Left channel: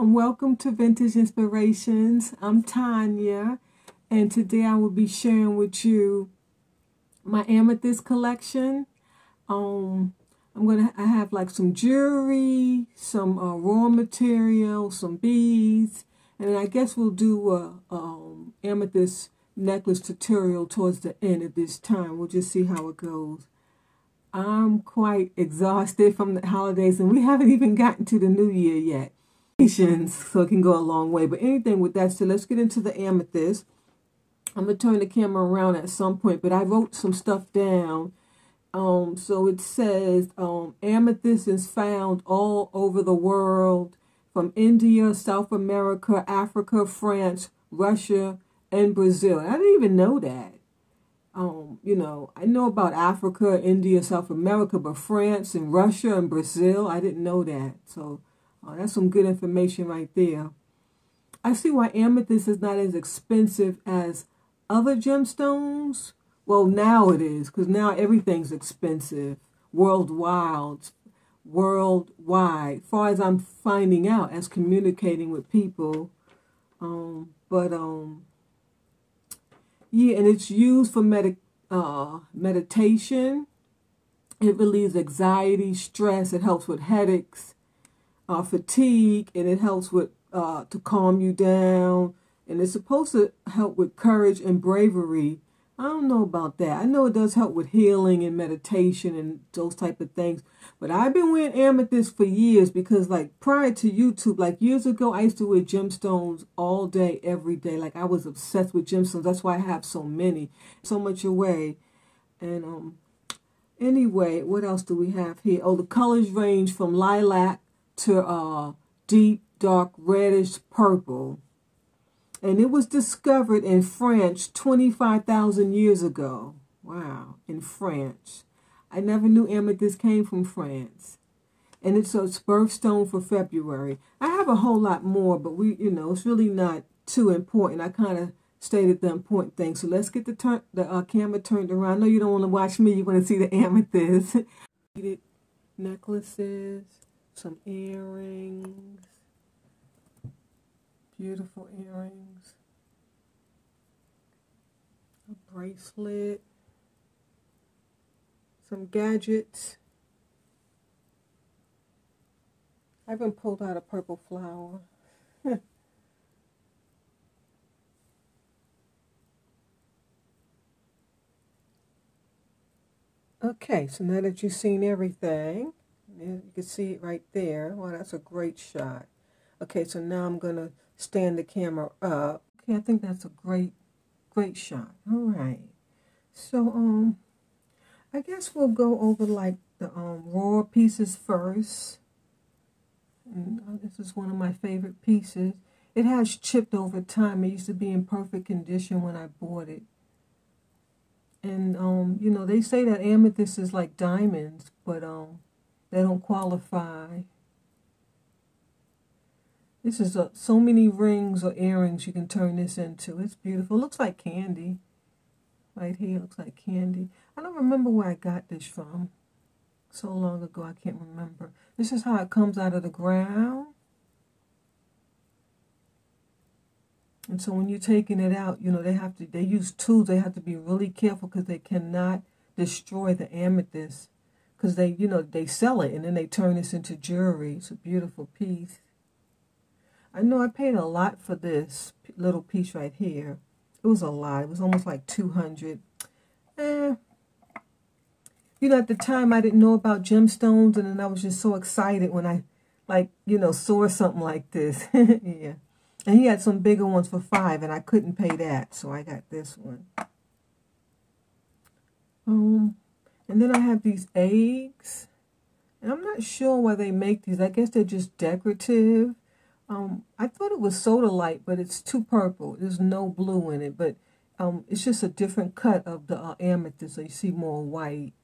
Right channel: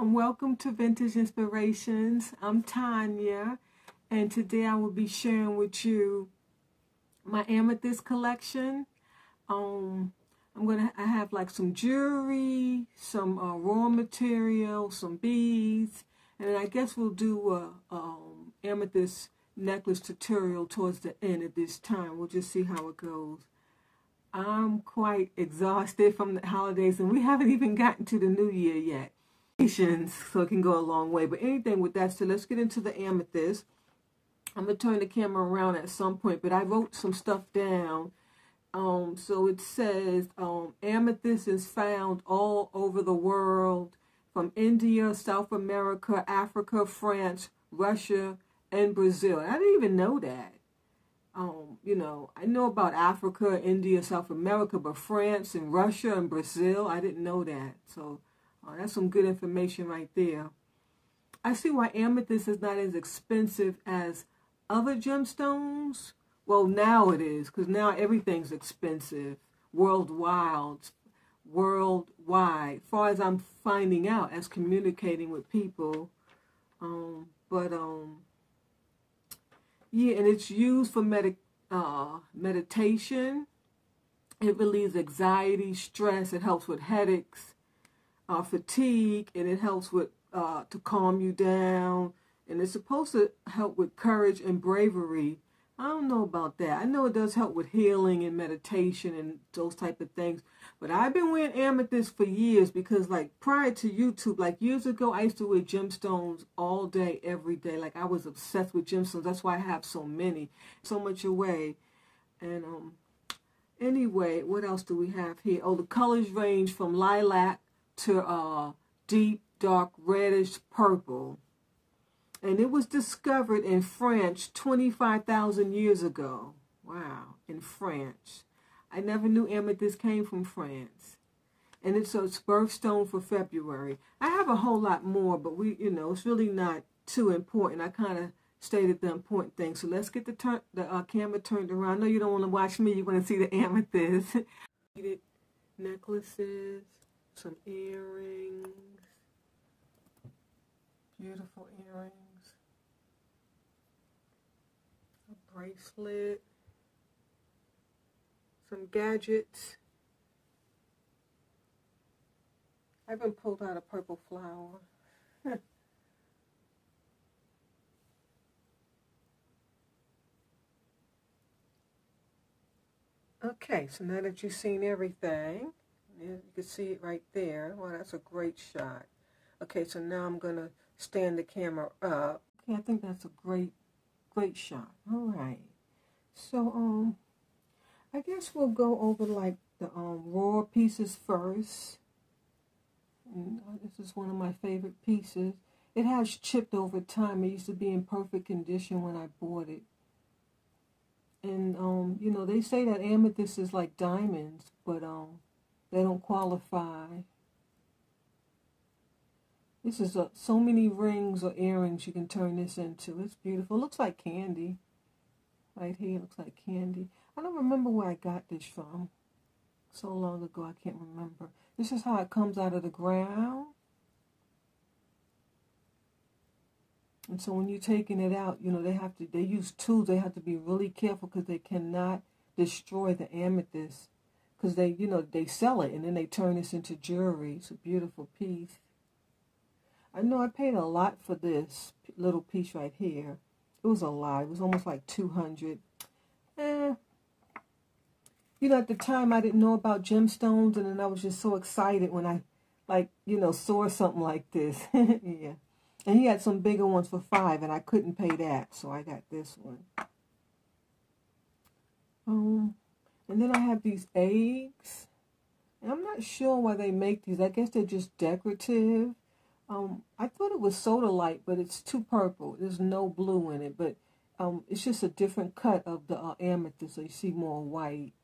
Welcome to Vintage Inspirations. I'm Tanya, and today I will be sharing with you my amethyst collection. I have like some jewelry, some raw material, some beads, and I guess we'll do a amethyst necklace tutorial towards the end of this time. We'll just see how it goes. I'm quite exhausted from the holidays, and we haven't even gotten to the new year yet. So it can go a long way. But anything with that, so let's get into the amethyst. I'm going to turn the camera around at some point, but I wrote some stuff down. So it says amethyst is found all over the world, from India, South America, Africa, France, Russia, and Brazil. I didn't even know that. You know, I know about Africa, India, South America, but France and Russia and Brazil, I didn't know that. So that's some good information right there. I see why amethyst is not as expensive as other gemstones. Well, now it is, because now everything's expensive worldwide. As far as I'm finding out as communicating with people. Yeah, and it's used for meditation. It relieves anxiety, stress. It helps with headaches, fatigue, and it helps with to calm you down. And it's supposed to help with courage and bravery. I don't know about that. I know it does help with healing and meditation and those type of things. But I've been wearing amethyst for years because, like, prior to YouTube, like years ago, I used to wear gemstones all day, every day. Like, I was obsessed with gemstones. That's why I have so many, so much away. And anyway, what else do we have here? Oh, the colors range from lilac to deep, dark, reddish purple. And it was discovered in France 25,000 years ago. Wow, in France. I never knew amethyst came from France. And it's a birthstone for February. I have a whole lot more, but it's really not too important. I kind of stated the important things. So let's get the camera turned around. I know you don't want to watch me. You want to see the amethyst. Necklaces, some earrings. Beautiful earrings, a bracelet, some gadgets. I even pulled out a purple flower. Okay, so now that you've seen everything, you can see it right there. Wow, that's a great shot. Okay, so now I'm going to stand the camera up. Okay, I think that's a great shot. All right. So, I guess we'll go over like the raw pieces first. And this is one of my favorite pieces. It has chipped over time. It used to be in perfect condition when I bought it. And, they say that amethyst is like diamonds, but they don't qualify. This is so many rings or earrings you can turn this into. It's beautiful. It looks like candy. Right here, looks like candy. I don't remember where I got this from. So long ago, I can't remember. This is how it comes out of the ground. And so when you're taking it out, they use tools. They have to be really careful because they cannot destroy the amethyst. Because they sell it and then they turn this into jewelry. It's a beautiful piece. I know I paid a lot for this little piece right here. It was a lot. It was almost like $200. At the time I didn't know about gemstones, and then I was just so excited when I, saw something like this. Yeah. And he had some bigger ones for $5, and I couldn't pay that, so I got this one. And then I have these eggs. And I'm not sure why they make these. I guess they're just decorative. I thought it was sodalite, but it's too purple. There's no blue in it, but it's just a different cut of the amethyst, so you see more white.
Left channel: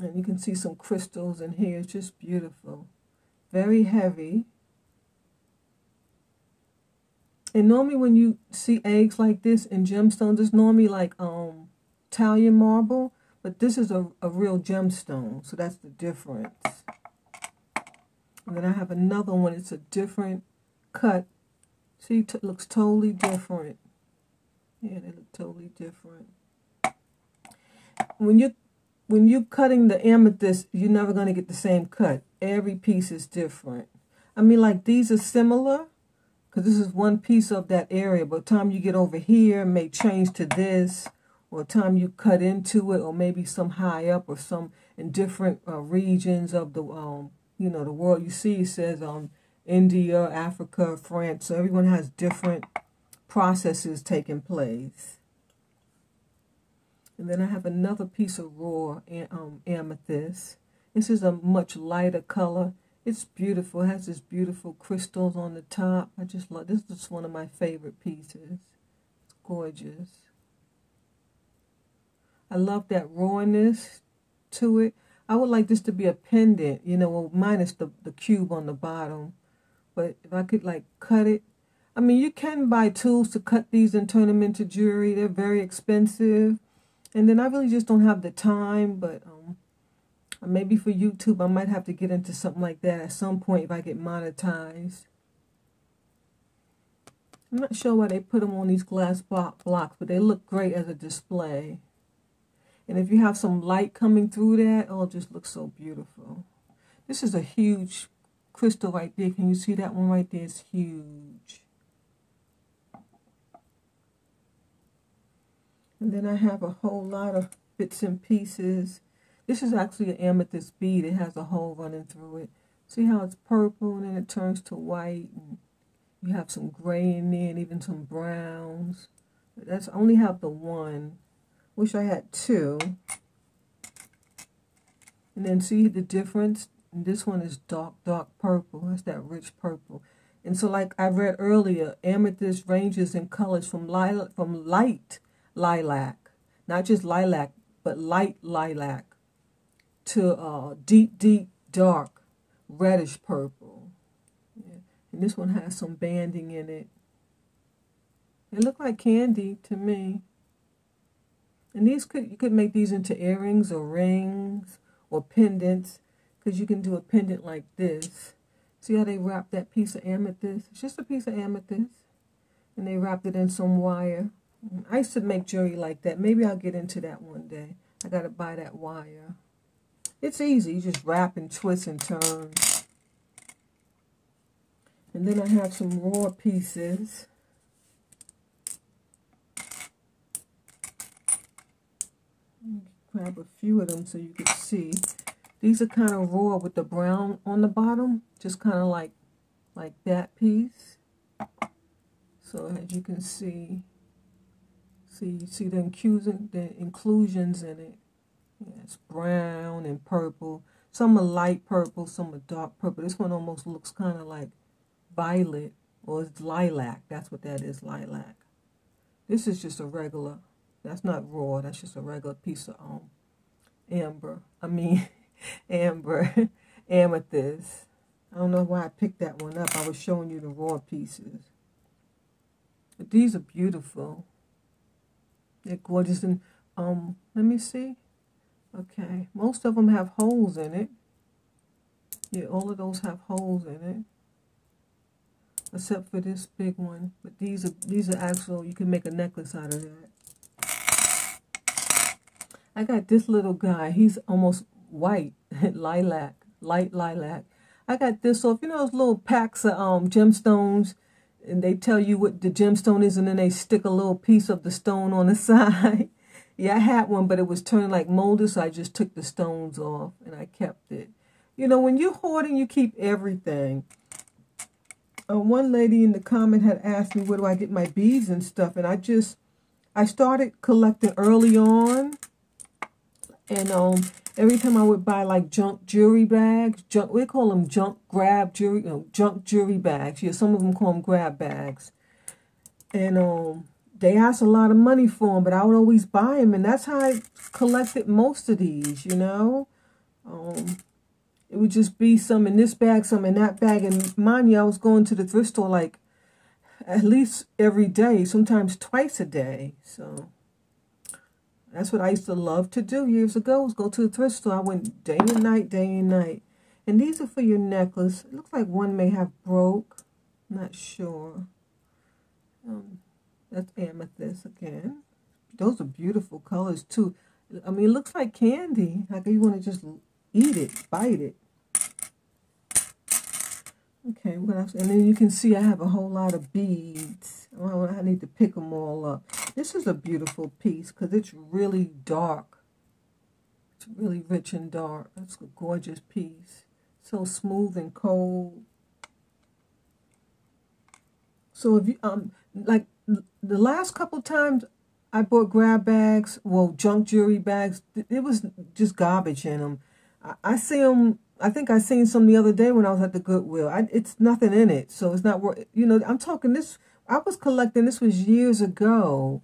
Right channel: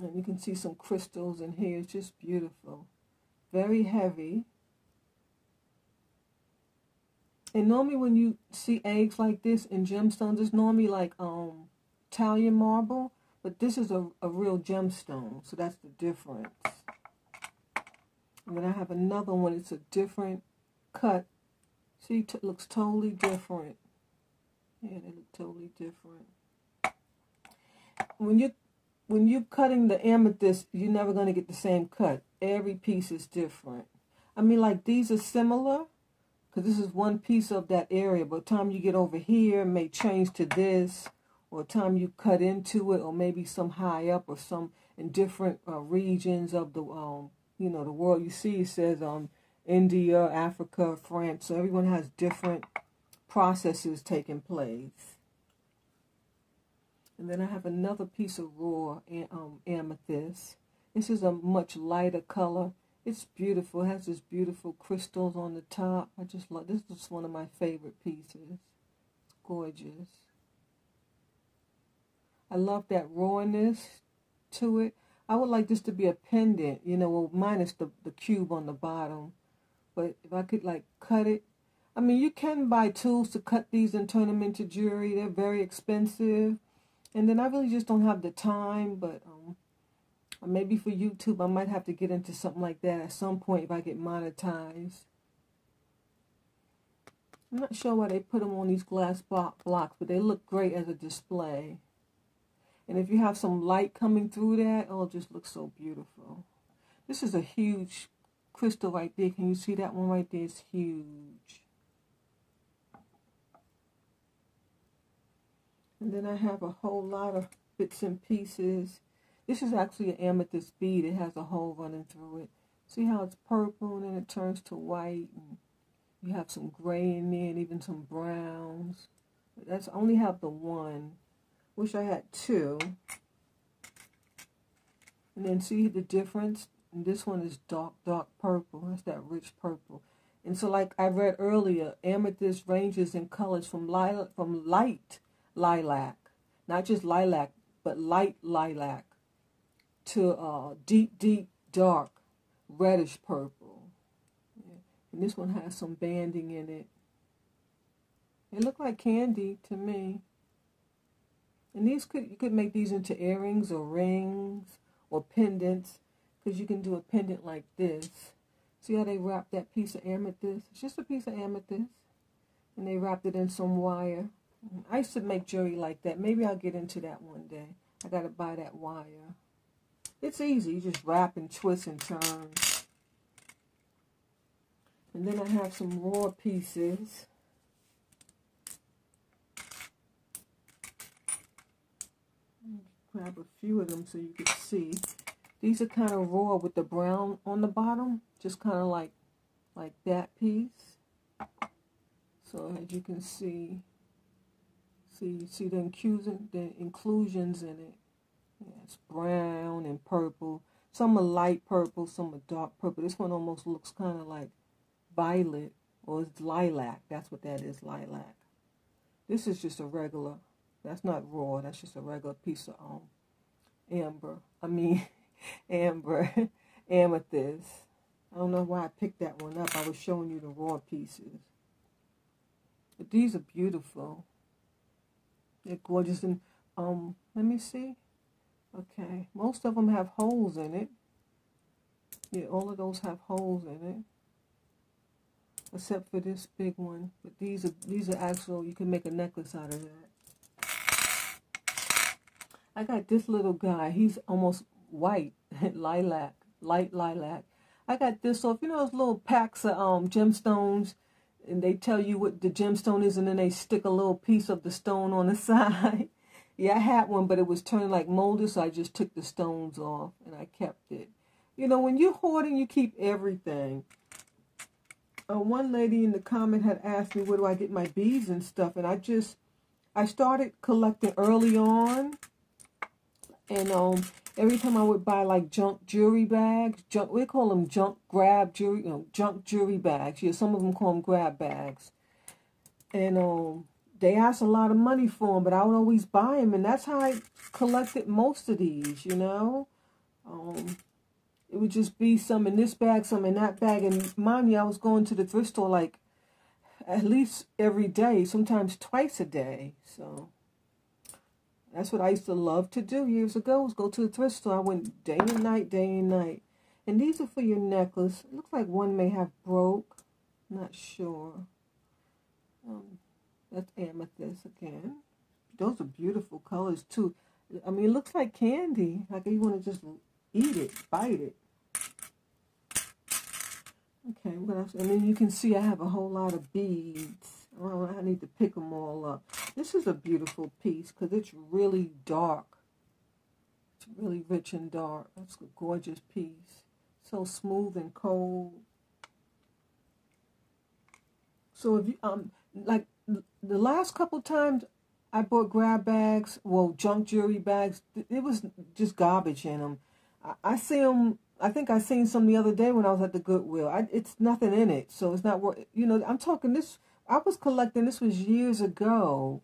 And you can see some crystals in here. It's just beautiful. Very heavy. And normally when you see eggs like this in gemstones, it's normally like Italian marble, but this is a real gemstone, so that's the difference. And then I have another one. It's a different cut. See, it looks totally different. Yeah, they look totally different. When you're cutting the amethyst, you're never going to get the same cut. Every piece is different. I mean, like, these are similar, because this is one piece of that area. But the time you get over here, it may change to this, or the time you cut into it, or maybe some high up, or some in different regions of the, you know, the world. You see, it says India, Africa, France. So everyone has different processes taking place. And then I have another piece of raw amethyst. This is a much lighter color. It's beautiful. It has this beautiful crystals on the top. I just love this. Is one of my favorite pieces. It's gorgeous. I love that rawness to it. I would like this to be a pendant, you know, well, minus the cube on the bottom. But if I could, like, cut it. I mean, you can buy tools to cut these and turn them into jewelry. They're very expensive. And then I really just don't have the time, but maybe for YouTube, I might have to get into something like that at some point if I get monetized. I'm not sure why they put them on these glass blocks, but they look great as a display. And if you have some light coming through that, oh, it just looks so beautiful. This is a huge crystal right there. Can you see that one right there? It's huge. And then I have a whole lot of bits and pieces. This is actually an amethyst bead. It has a hole running through it. See how it's purple and then it turns to white. And you have some gray in there and even some browns. That's, I only have the one. Wish I had two. And then see the difference? And this one is dark purple. That's that rich purple. And so, like I read earlier, amethyst ranges in colors from light lilac, not just lilac, but light lilac, to deep dark reddish purple. Yeah. And this one has some banding in it. They look like candy to me. And these you could make these into earrings or rings or pendants, because you can do a pendant like this. See how they wrap that piece of amethyst? It's just a piece of amethyst, and they wrapped it in some wire. I used to make jewelry like that. Maybe I'll get into that one day. I got to buy that wire. It's easy. You just wrap and twist and turn. And then I have some raw pieces. Grab a few of them so you can see. These are kind of raw with the brown on the bottom. Just kind of like that piece. So as you can see, you see the inclusions in it. Yeah, it's brown and purple. Some are light purple, some are dark purple. This one almost looks kind of like violet, or it's lilac. That's what that is, lilac. This is just a regular. That's not raw. That's just a regular piece of amber. Amethyst. I don't know why I picked that one up. I was showing you the raw pieces. But these are beautiful. They're gorgeous. And let me see. Okay, most of them have holes in it. Yeah, all of those have holes in it, except for this big one. But these are actual. You can make a necklace out of that. I got this little guy. He's almost white, lilac, light lilac. I got this off. You know those little packs of gemstones, and they tell you what the gemstone is, and then they stick a little piece of the stone on the side. Yeah, I had one, but it was turned like molded, so I just took the stones off, and I kept it. You know, when you're hoarding, you keep everything. One lady in the comment had asked me, where do I get my beads and stuff? And I started collecting early on. And every time I would buy, like, junk jewelry bags, we call them junk jewelry bags. Yeah, some of them call them grab bags. And they asked a lot of money for them, but I would always buy them, and that's how I collected most of these, you know. It would just be some in this bag, some in that bag, and mind you, I was going to the thrift store like at least every day, sometimes twice a day. So that's what I used to love to do years ago, was go to the thrift store. I went day and night, And these are for your necklace. It looks like one may have broke. Not sure. That's amethyst again. Those are beautiful colors too. I mean, it looks like candy. Like you want to just eat it, bite it. Okay, what else? And then you can see I have a whole lot of beads. Well, I need to pick them all up. This is a beautiful piece because it's really dark. It's really rich and dark. That's a gorgeous piece. So smooth and cold. So if you like the last couple times I bought grab bags, well, junk jewelry bags, it was just garbage in them. I see them. I think I seen some the other day when I was at the Goodwill. It's nothing in it, so it's not worth. You know, I'm talking this. I was collecting. This was years ago,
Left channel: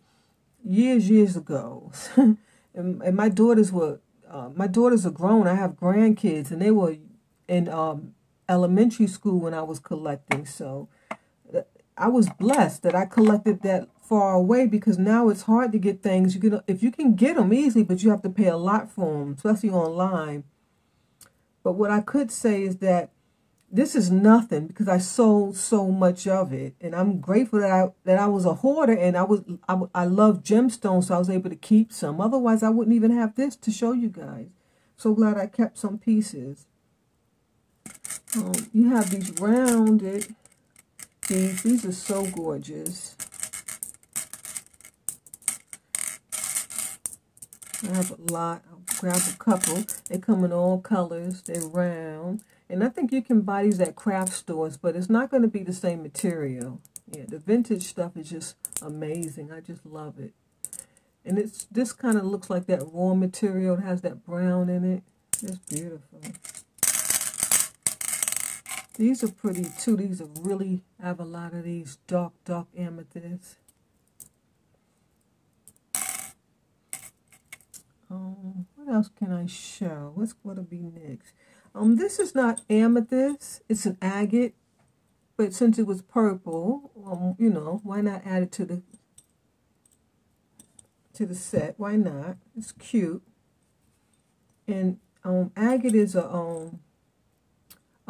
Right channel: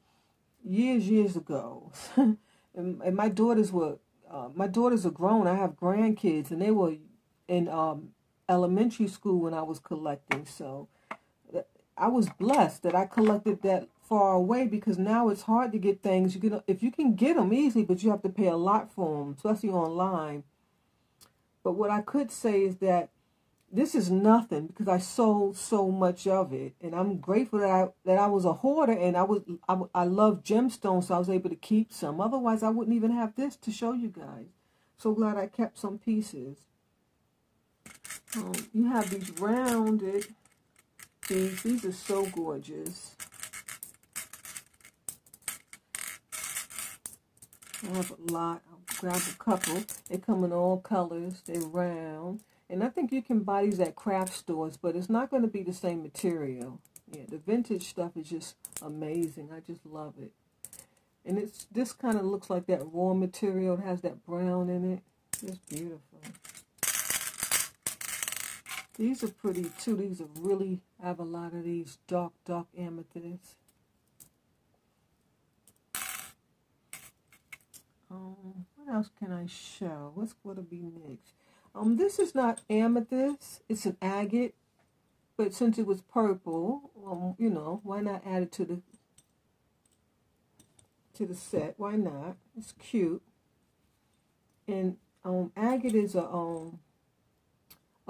years ago, and my daughters were. My daughters are grown. I have grandkids, and they were in elementary school when I was collecting. So I was blessed that I collected that far away because now it's hard to get things. If you can get them easily, but you have to pay a lot for them, especially online. But what I could say is that this is nothing because I sold so much of it, and I'm grateful that I was a hoarder and I love gemstones, so I was able to keep some. Otherwise, I wouldn't even have this to show you guys. So glad I kept some pieces. You have these rounded things. These are so gorgeous. I have a lot. I'll grab a couple. They come in all colors. They're round. And I think you can buy these at craft stores, but it's not going to be the same material. Yeah, the vintage stuff is just amazing. I just love it. And this kind of looks like that raw material. It has that brown in it. It's beautiful. These are pretty too. These are really, I have a lot of these dark amethysts. What else can I show? What's going to be next? This is not amethyst. It's an agate. But since it was purple, you know, why not add it to the set? Why not? It's cute. And agate is a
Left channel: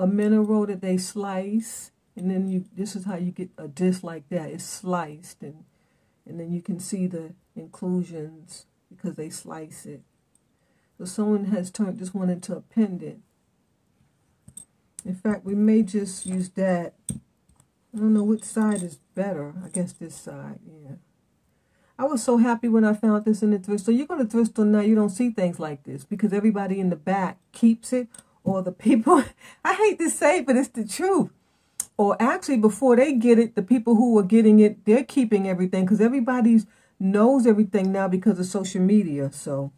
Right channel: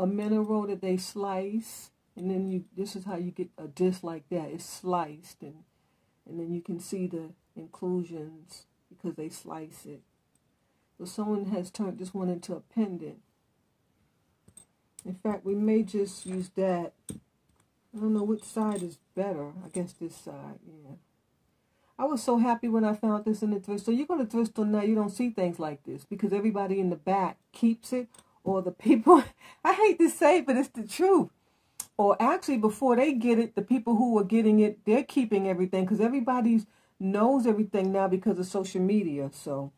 mineral that they slice, and then this is how you get a disc like that. It's sliced, and then you can see the inclusions because they slice it. So someone has turned this one into a pendant. In fact, we may just use that. I don't know which side is better. I guess this side, yeah. I was so happy when I found this in the thrift store. You go to the thrift store now, you don't see things like this because everybody in the back keeps it, or the people, I hate to say it, but it's the truth. Or actually, before they get it, the people who are getting it, they're keeping everything because everybody knows everything now because of social media. So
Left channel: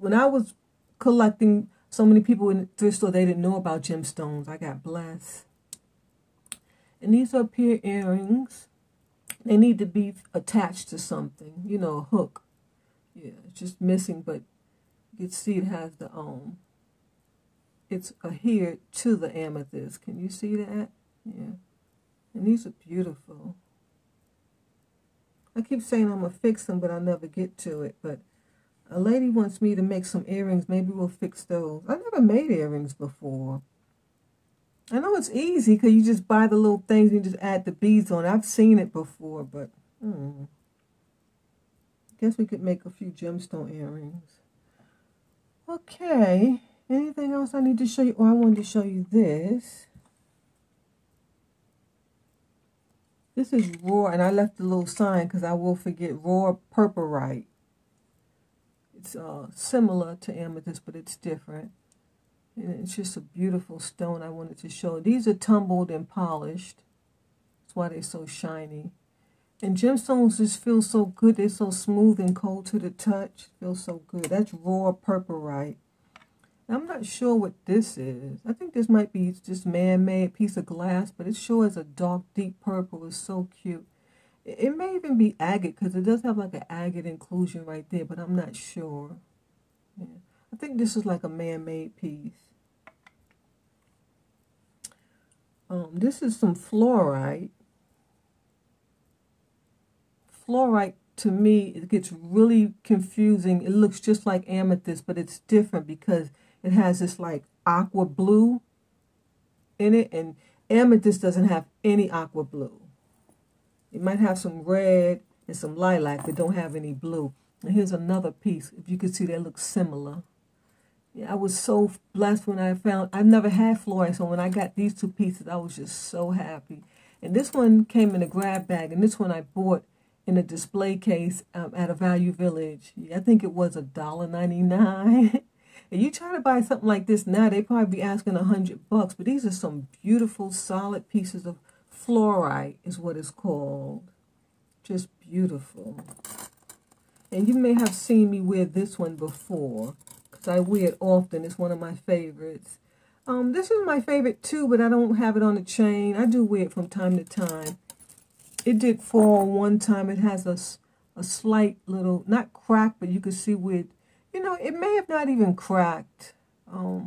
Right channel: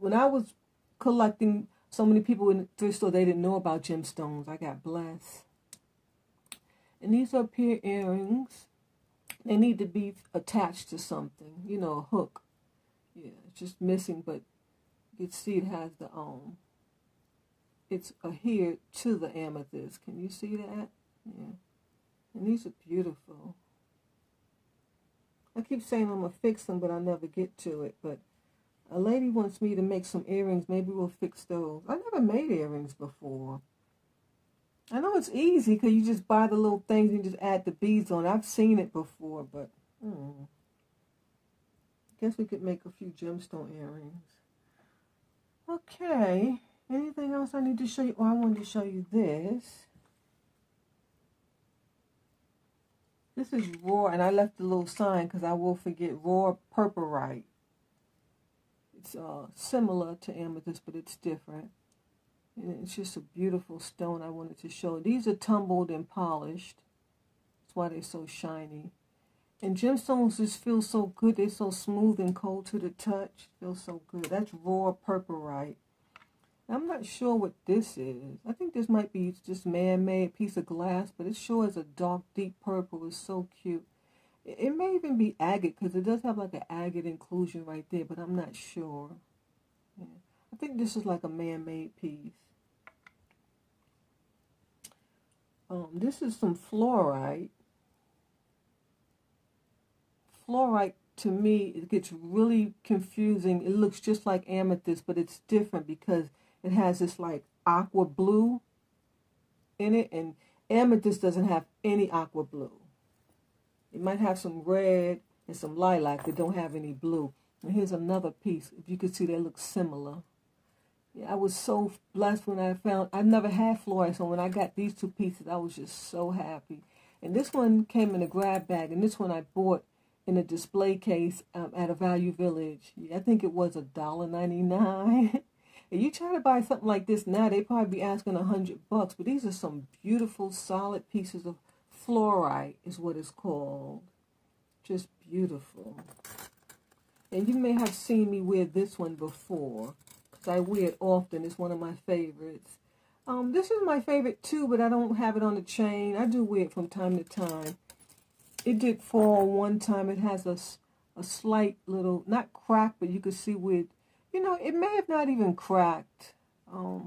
when I was collecting, so many people in the thrift store, they didn't know about gemstones. I got blessed. And these are pear earrings. They need to be attached to something, you know, a hook. Yeah, it's just missing, but you can see it has the it's adhered to the amethyst. Can you see that? Yeah. And these are beautiful. I keep saying I'm going to fix them, but I'll never get to it. But a lady wants me to make some earrings. Maybe we'll fix those. I never made earrings before. I know it's easy because you just buy the little things and you just add the beads on. I've seen it before, but I guess we could make a few gemstone earrings. Okay. Anything else I need to show you? Oh, I wanted to show you this. This is raw, and I left a little sign because I will forget. Raw purpurite. It's similar to amethyst, but it's different. And it's just a beautiful stone I wanted to show. These are tumbled and polished. That's why they're so shiny. And gemstones just feel so good. They're so smooth and cold to the touch. Feels so good. That's raw purpurite. I'm not sure what this is. I think this might be just man-made piece of glass, but it sure is a dark, deep purple. It's so cute. It may even be agate because it does have like an agate inclusion right there, but I'm not sure. Yeah. I think this is like a man-made piece. This is some fluorite. Fluorite, to me, it gets really confusing. It looks just like amethyst, but it's different because It has this like aqua blue in it, and amethyst doesn't have any aqua blue. It might have some red and some lilac, but don't have any blue. And here's another piece. If you can see, they look similar. Yeah, I was so blessed when I've never had fluorite, so when I got these two pieces, I was just so happy. And this one came in a grab bag, and this one I bought in a display case at a Value Village. I think it was $1.99. And you try to buy something like this now, they probably be asking $100, but these are some beautiful, solid pieces of fluorite, is what it's called. Just beautiful. And you may have seen me wear this one before, because I wear it often. It's one of my favorites. This is my favorite too, but I don't have it on a chain. I do wear it from time to time. It did fall one time. It has a slight little, not crack, but you can see where, you know, it may have not even cracked. I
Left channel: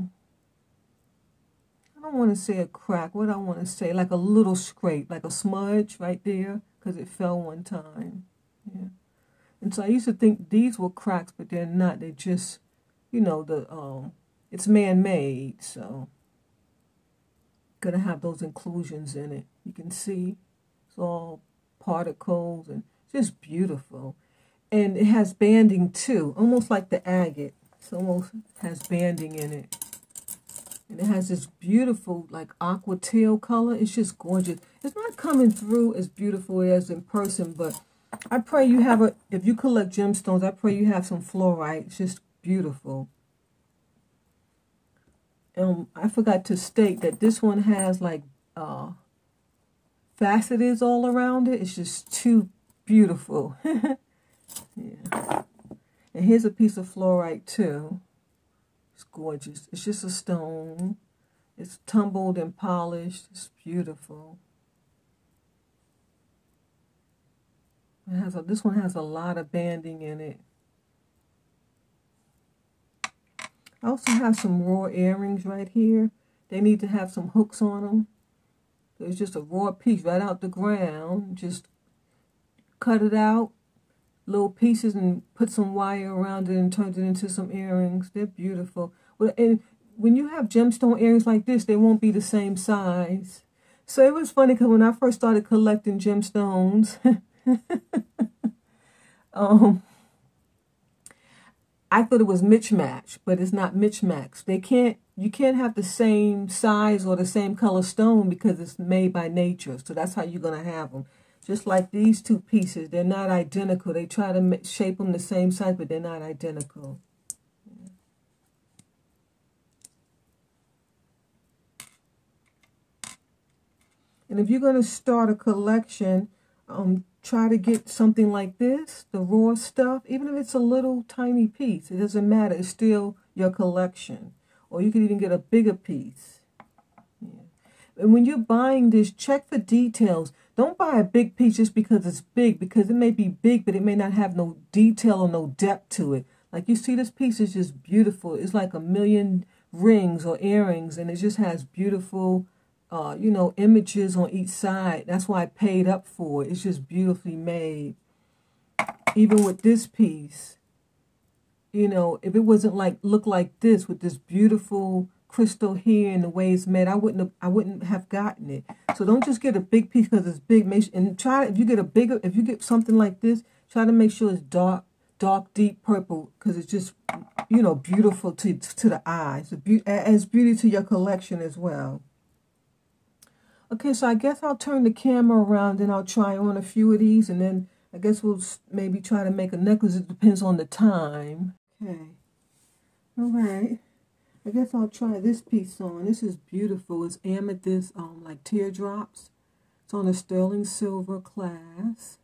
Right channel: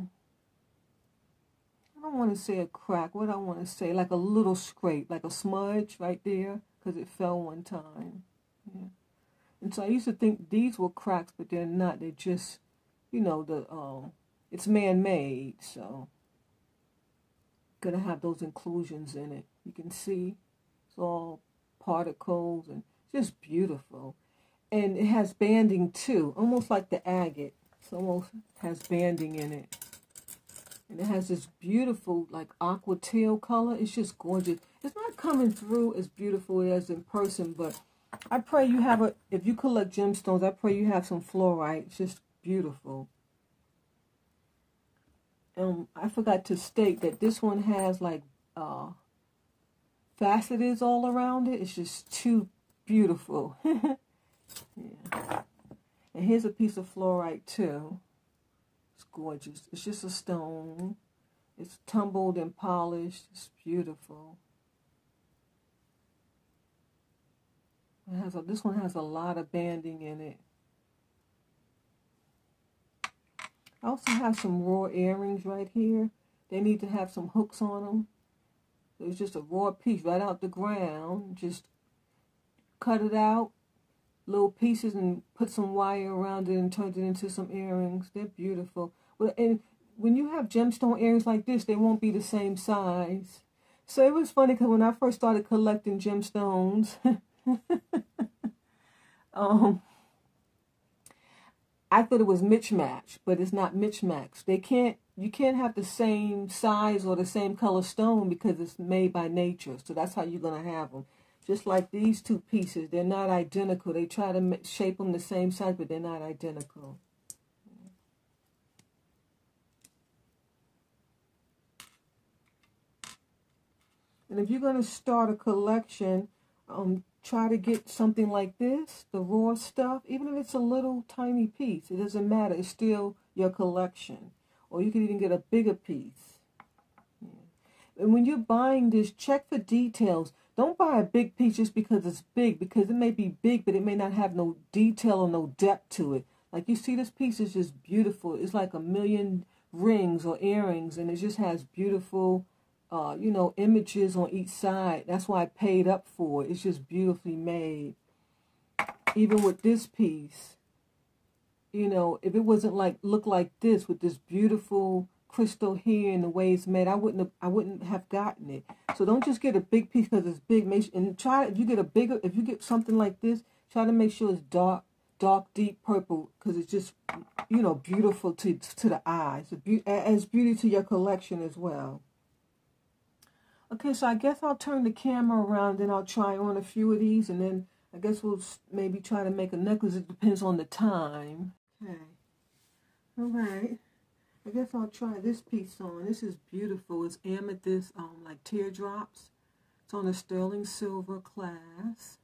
don't want to say a crack. What I want to say, like a little scrape, like a smudge right there, because it fell one time. Yeah. And so I used to think these were cracks, but they're not. They're just, you know, it's man-made, so gonna have those inclusions in it. You can see it's all particles and just beautiful. And it has banding too, almost like the agate. It almost has banding in it. And it has this beautiful, like, aqua teal color. It's just gorgeous. It's not coming through as beautiful as in person, but I pray you have if you collect gemstones, I pray you have some fluorite. It's just beautiful. I forgot to state that this one has, like, facets all around it. It's just too beautiful. Yeah. And here's a piece of fluorite, too. It's gorgeous. It's just a stone. It's tumbled and polished. It's beautiful. This one has a lot of banding in it. I also have some raw earrings right here. They need to have some hooks on them. It's just a raw piece right out the ground. Just cut it out, little pieces, and put some wire around it and turn it into some earrings. They're beautiful. And when you have gemstone earrings like this, they won't be the same size. So it was funny because when I first started collecting gemstones, I thought it was mismatch, but it's not mismatch. You can't have the same size or the same color stone because it's made by nature. So that's how you're going to have them. Just like these two pieces, they're not identical. They try to shape them the same size, but they're not identical. And if you're going to start a collection, try to get something like this, the raw stuff, even if it's a little tiny piece. It doesn't matter. It's still your collection. Or you can even get a bigger piece. Yeah. And when you're buying this, check for details. Don't buy a big piece just because it's big, because it may be big, but it may not have no detail or no depth to it. Like, you see, this piece is just beautiful. It's like 1,000,000 rings or earrings, and it just has beautiful, you know, images on each side. That's why I paid up for it. It's just beautifully made. Even with this piece, you know, if it wasn't look like this with this beautiful crystal here and the way it's made, I wouldn't have gotten it. So don't just get a big piece because it's big. And try, if you get something like this, try to make sure it's dark, deep purple, because it's just, you know, beautiful to the eyes. Adds beauty to your collection as well. Okay, so I guess I'll turn the camera around and I'll try on a few of these, and then I guess we'll maybe try to make a necklace. It depends on the time. Okay. All right. I guess I'll try this piece on. This is beautiful. It's amethyst, like teardrops. It's on a sterling silver class.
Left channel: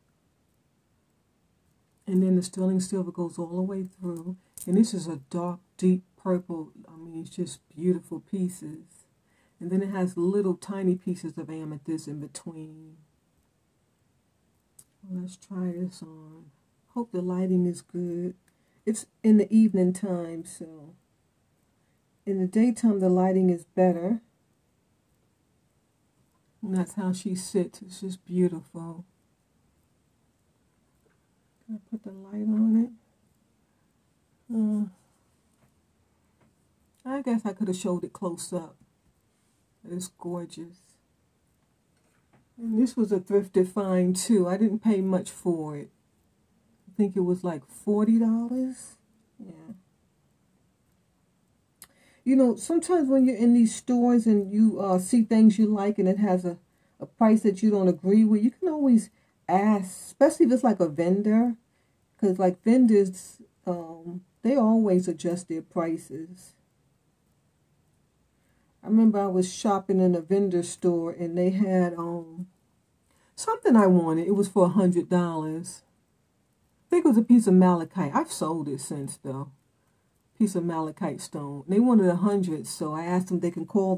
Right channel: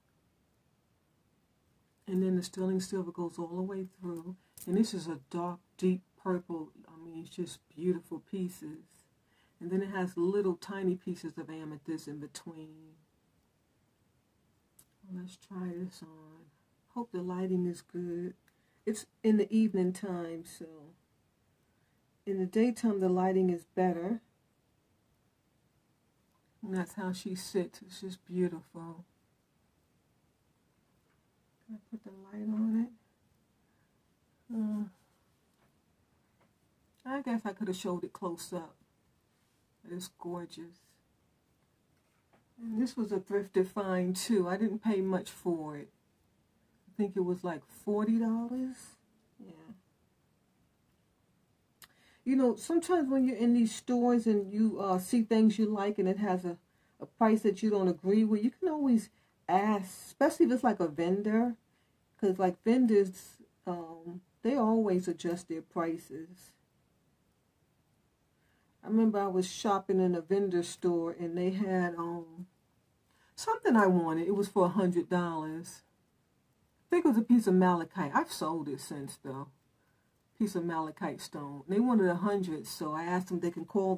And then the sterling silver goes all the way through. And this is a dark, deep purple. I mean, it's just beautiful pieces. And then it has little tiny pieces of amethyst in between. Let's try this on. Hope the lighting is good. It's in the evening time, so in the daytime the lighting is better. And that's how she sits. It's just beautiful. Can I put the light on it? I guess I could have showed it close up. It's gorgeous. And this was a thrifted find too. I didn't pay much for it. I think it was like $40. Yeah. You know, sometimes when you're in these stores and you see things you like and it has a price that you don't agree with, you can always ask, especially if it's like a vendor. Because like vendors, they always adjust their prices. I remember I was shopping in a vendor store and they had something I wanted. It was for $100. I think it was a piece of malachite. I've sold it since though. Piece of malachite stone. They wanted $100, so I asked them if they can call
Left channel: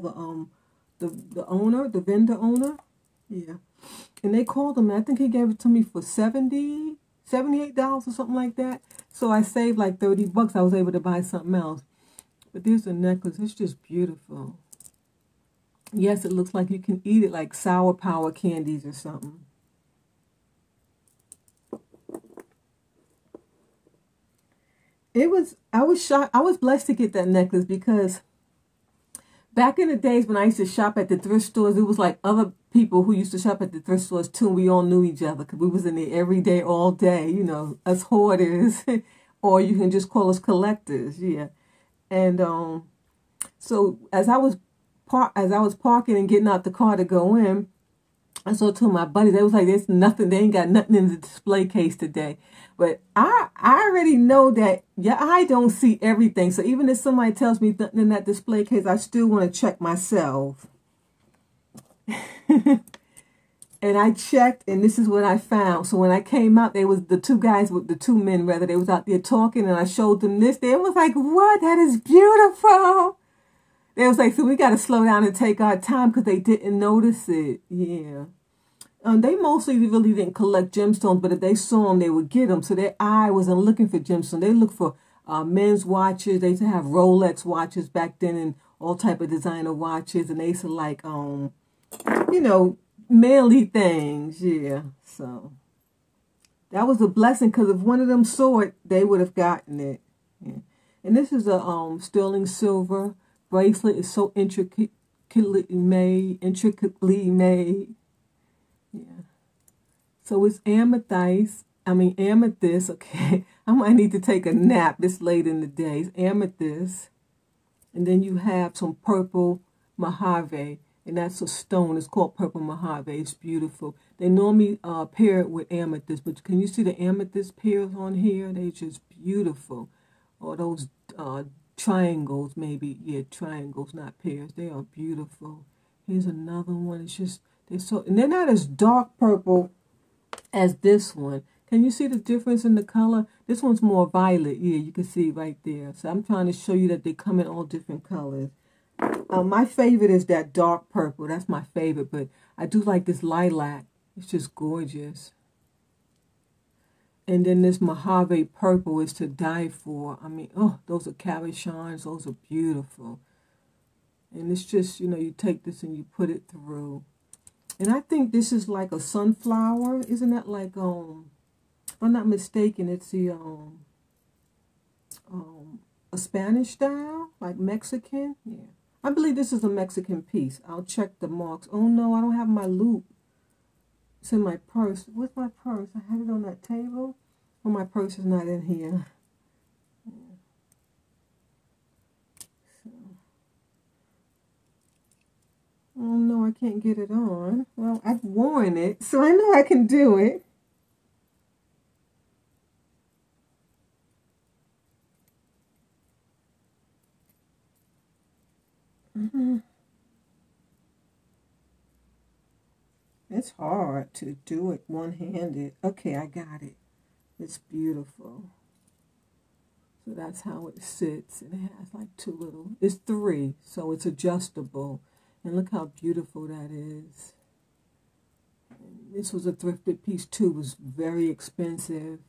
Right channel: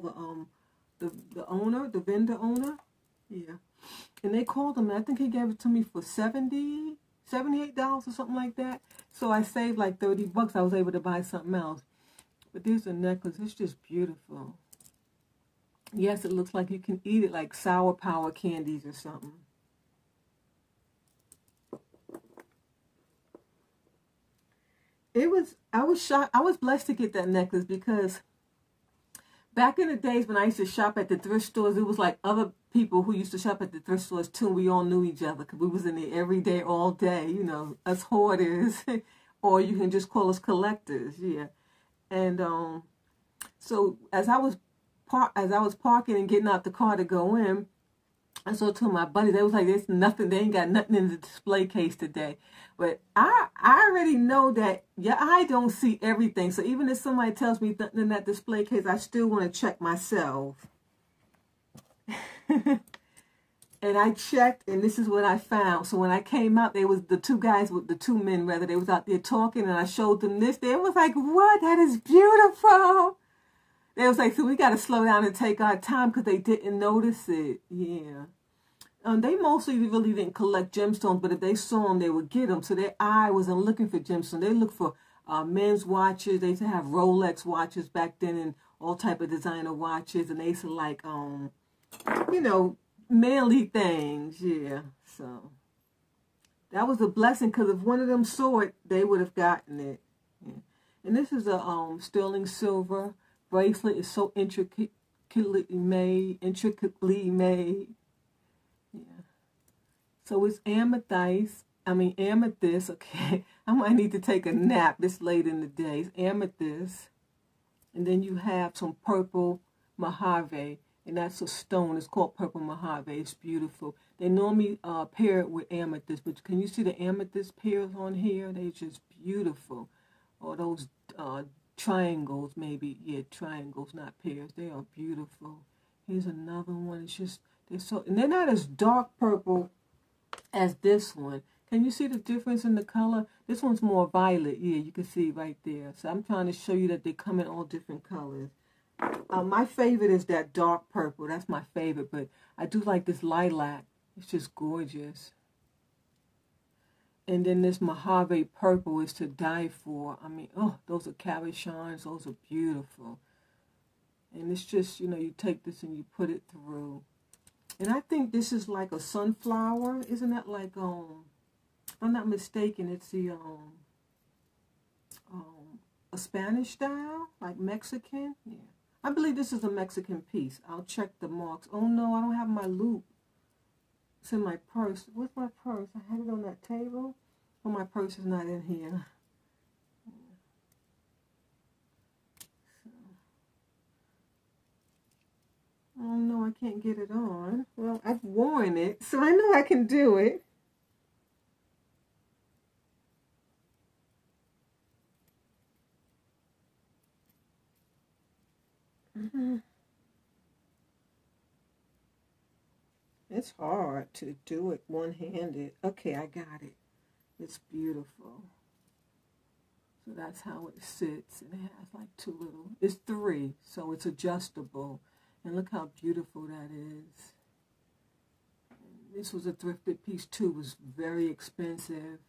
the owner, the vendor owner. Yeah, and they called him. I think he gave it to me for $78 or something like that. So I saved like $30. I was able to buy something else. But there's a necklace. It's just beautiful. Yes, it looks like you can eat it like sour power candies or something. I was shocked. I was blessed to get that necklace because back in the days when I used to shop at the thrift stores, it was like other people who used to shop at the thrift stores too. We all knew each other because we was in there every day, all day, you know, us hoarders, or you can just call us collectors, yeah. And so as I was parking and getting out the car to go in, I saw two of my buddies. They was like, "There's nothing. They ain't got nothing in the display case today." But I already know that your eye don't see everything. So even if somebody tells me nothing in that display case, I still want to check myself. And I checked, and this is what I found. So when I came out, there was the two men, they was out there talking, and I showed them this. They was like, "What? That is beautiful." They was like, "So we got to slow down and take our time," because they didn't notice it. Yeah. They mostly really didn't collect gemstones, but if they saw them, they would get them. So their eye wasn't looking for gemstones. They looked for men's watches. They used to have Rolex watches back then and all type of designer watches. And they used to like, you know, manly things. Yeah. So that was a blessing because if one of them saw it, they would have gotten it. Yeah. And this is a sterling silver bracelet. It's so intricately made. Yeah. So it's amethyst. Okay. I might need to take a nap this late in the day. It's amethyst. And then you have some purple mojave. And that's a stone. It's called purple mojave. It's beautiful. They normally pair it with amethyst. But can you see the amethyst pairs on here? They're just beautiful. Or those triangles, maybe. Yeah, triangles, not pairs. They are beautiful. Here's another one. It's just, and they're not as dark purple as this one. Can you see the difference in the color? This one's more violet. Yeah, you can see right there. So I'm trying to show you that they come in all different colors. My favorite is that dark purple. That's my favorite. But I do like this lilac. It's just gorgeous. And then this mojave purple is to die for. I mean, oh, those are cabochons. Those are beautiful. And it's just, you know, you take this and you put it through. And I think this is like a sunflower. Isn't that like, if I'm not mistaken, it's the, a Spanish style, like Mexican. Yeah. I believe this is a Mexican piece. I'll check the marks. Oh, no, I don't have my loop. It's in my purse. Where's my purse? I have it on that table. Oh, my purse is not in here. Oh, no, I can't get it on. Well, I've worn it, so I know I can do it. It's hard to do it one-handed. Okay, I got it. It's beautiful. So that's how it sits. And it has like it's 3, so it's adjustable. And look how beautiful that is. And this was a thrifted piece too. It was very expensive.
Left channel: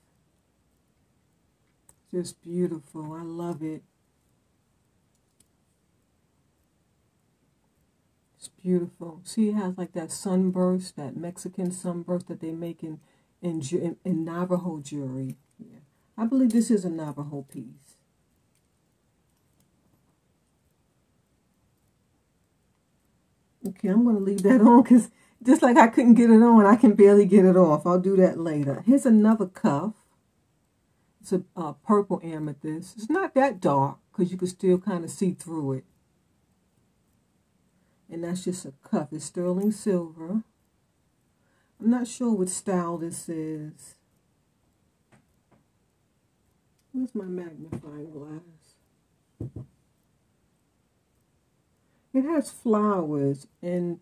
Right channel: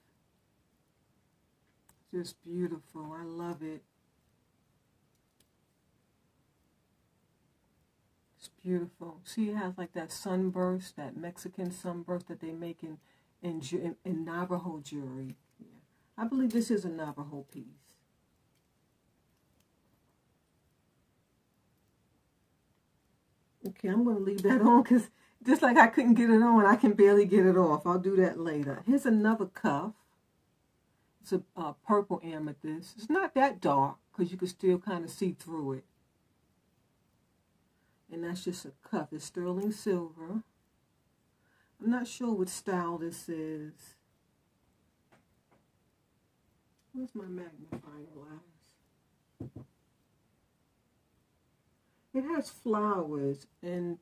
Just beautiful. I love it. It's beautiful. See, it has like that sunburst, that Mexican sunburst that they make in Navajo jewelry. Yeah. I believe this is a Navajo piece. Okay, I'm going to leave that on because just like I couldn't get it on, I can barely get it off. I'll do that later. Here's another cuff. It's a purple amethyst. It's not that dark because you can still kind of see through it. And that's just a cuff. It's sterling silver. I'm not sure what style this is. Where's my magnifying glass? It has flowers, and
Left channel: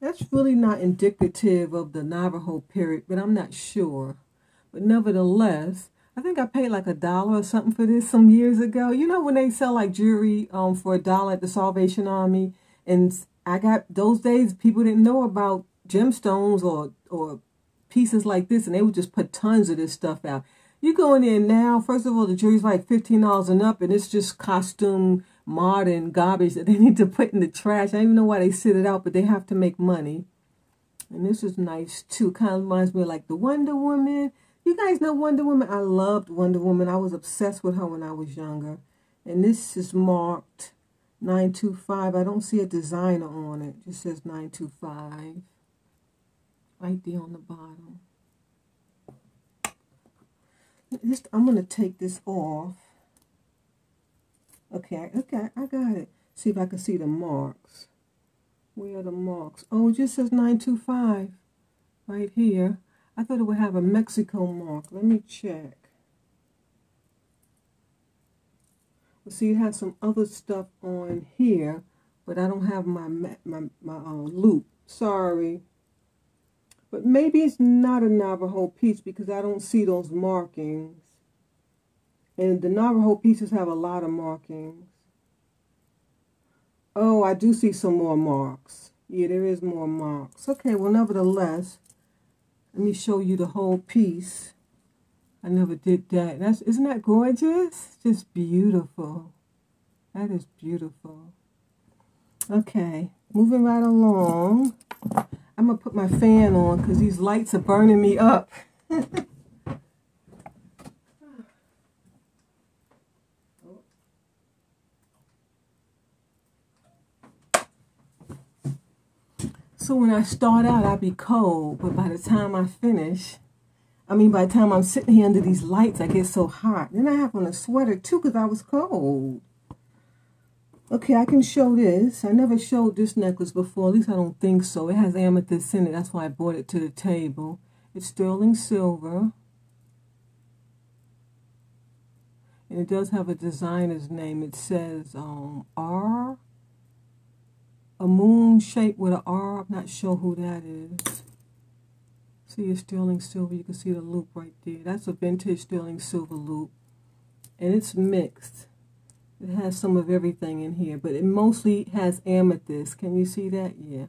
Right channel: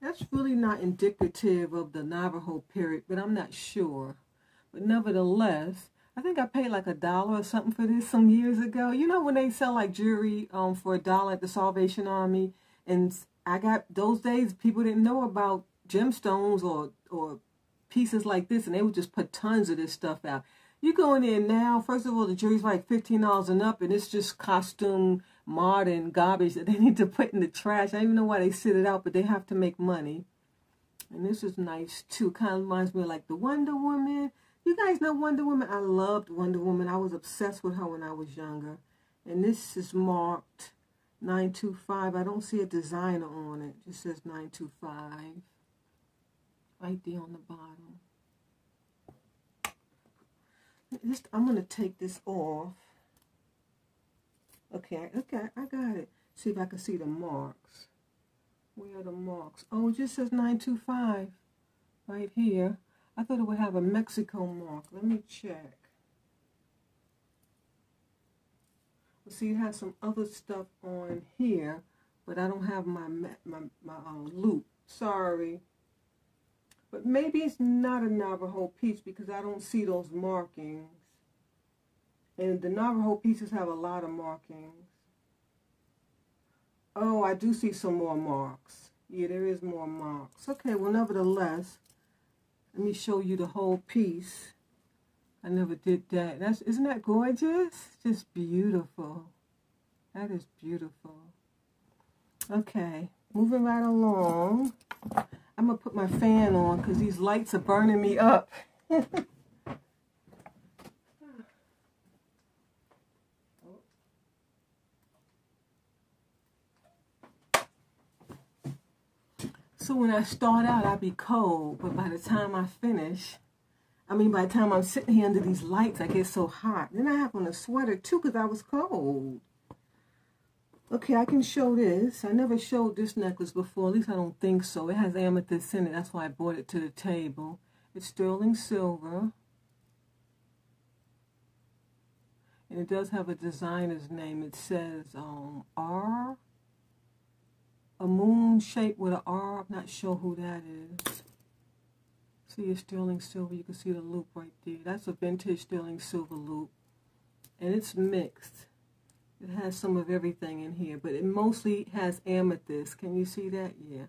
that's really not indicative of the Navajo period, but I'm not sure. But nevertheless, I think I paid like $1 or something for this some years ago. You know when they sell like jewelry for $1 at the Salvation Army? And I got, those days, people didn't know about gemstones or pieces like this, and they would just put tons of this stuff out. You go in there now, first of all, the jewelry's like $15 and up, and it's just costume, modern garbage that they need to put in the trash. I don't even know why they sit it out, but they have to make money. And this is nice, too. Kind of reminds me of like the Wonder Woman. You guys know Wonder Woman? I loved Wonder Woman. I was obsessed with her when I was younger. And this is marked 925. I don't see a designer on it. It just says 925. Right there on the bottom. I'm going to take this off. Okay, I got it. See if I can see the marks. Where are the marks? Oh, it just says 925 right here. I thought it would have a Mexico mark. Let me check. Well, see, it has some other stuff on here, but I don't have my loop. Sorry. But maybe it's not a Navajo piece because I don't see those markings. And the Navajo pieces have a lot of markings. Oh, I do see some more marks. Yeah, there is more marks. Okay, well, nevertheless, let me show you the whole piece. I never did that. Isn't that gorgeous? Just beautiful. That is beautiful. Okay, moving right along. I'm going to put my fan on because these lights are burning me up. So when I start out, I'll be cold, but by the time I finish, by the time I'm sitting here under these lights, I get so hot. Then I have on a sweater too because I was cold. Okay, I can show this. I never showed this necklace before. At least I don't think so. It has amethyst in it. That's why I brought it to the table. It's sterling silver. And it does have a designer's name. It says R. A moon shape with an R. I'm not sure who that is. See, it's sterling silver. You can see the loop right there. That's a vintage sterling silver loop. And it's mixed. It has some of everything in here, but it mostly has amethyst. Can you see that? Yeah.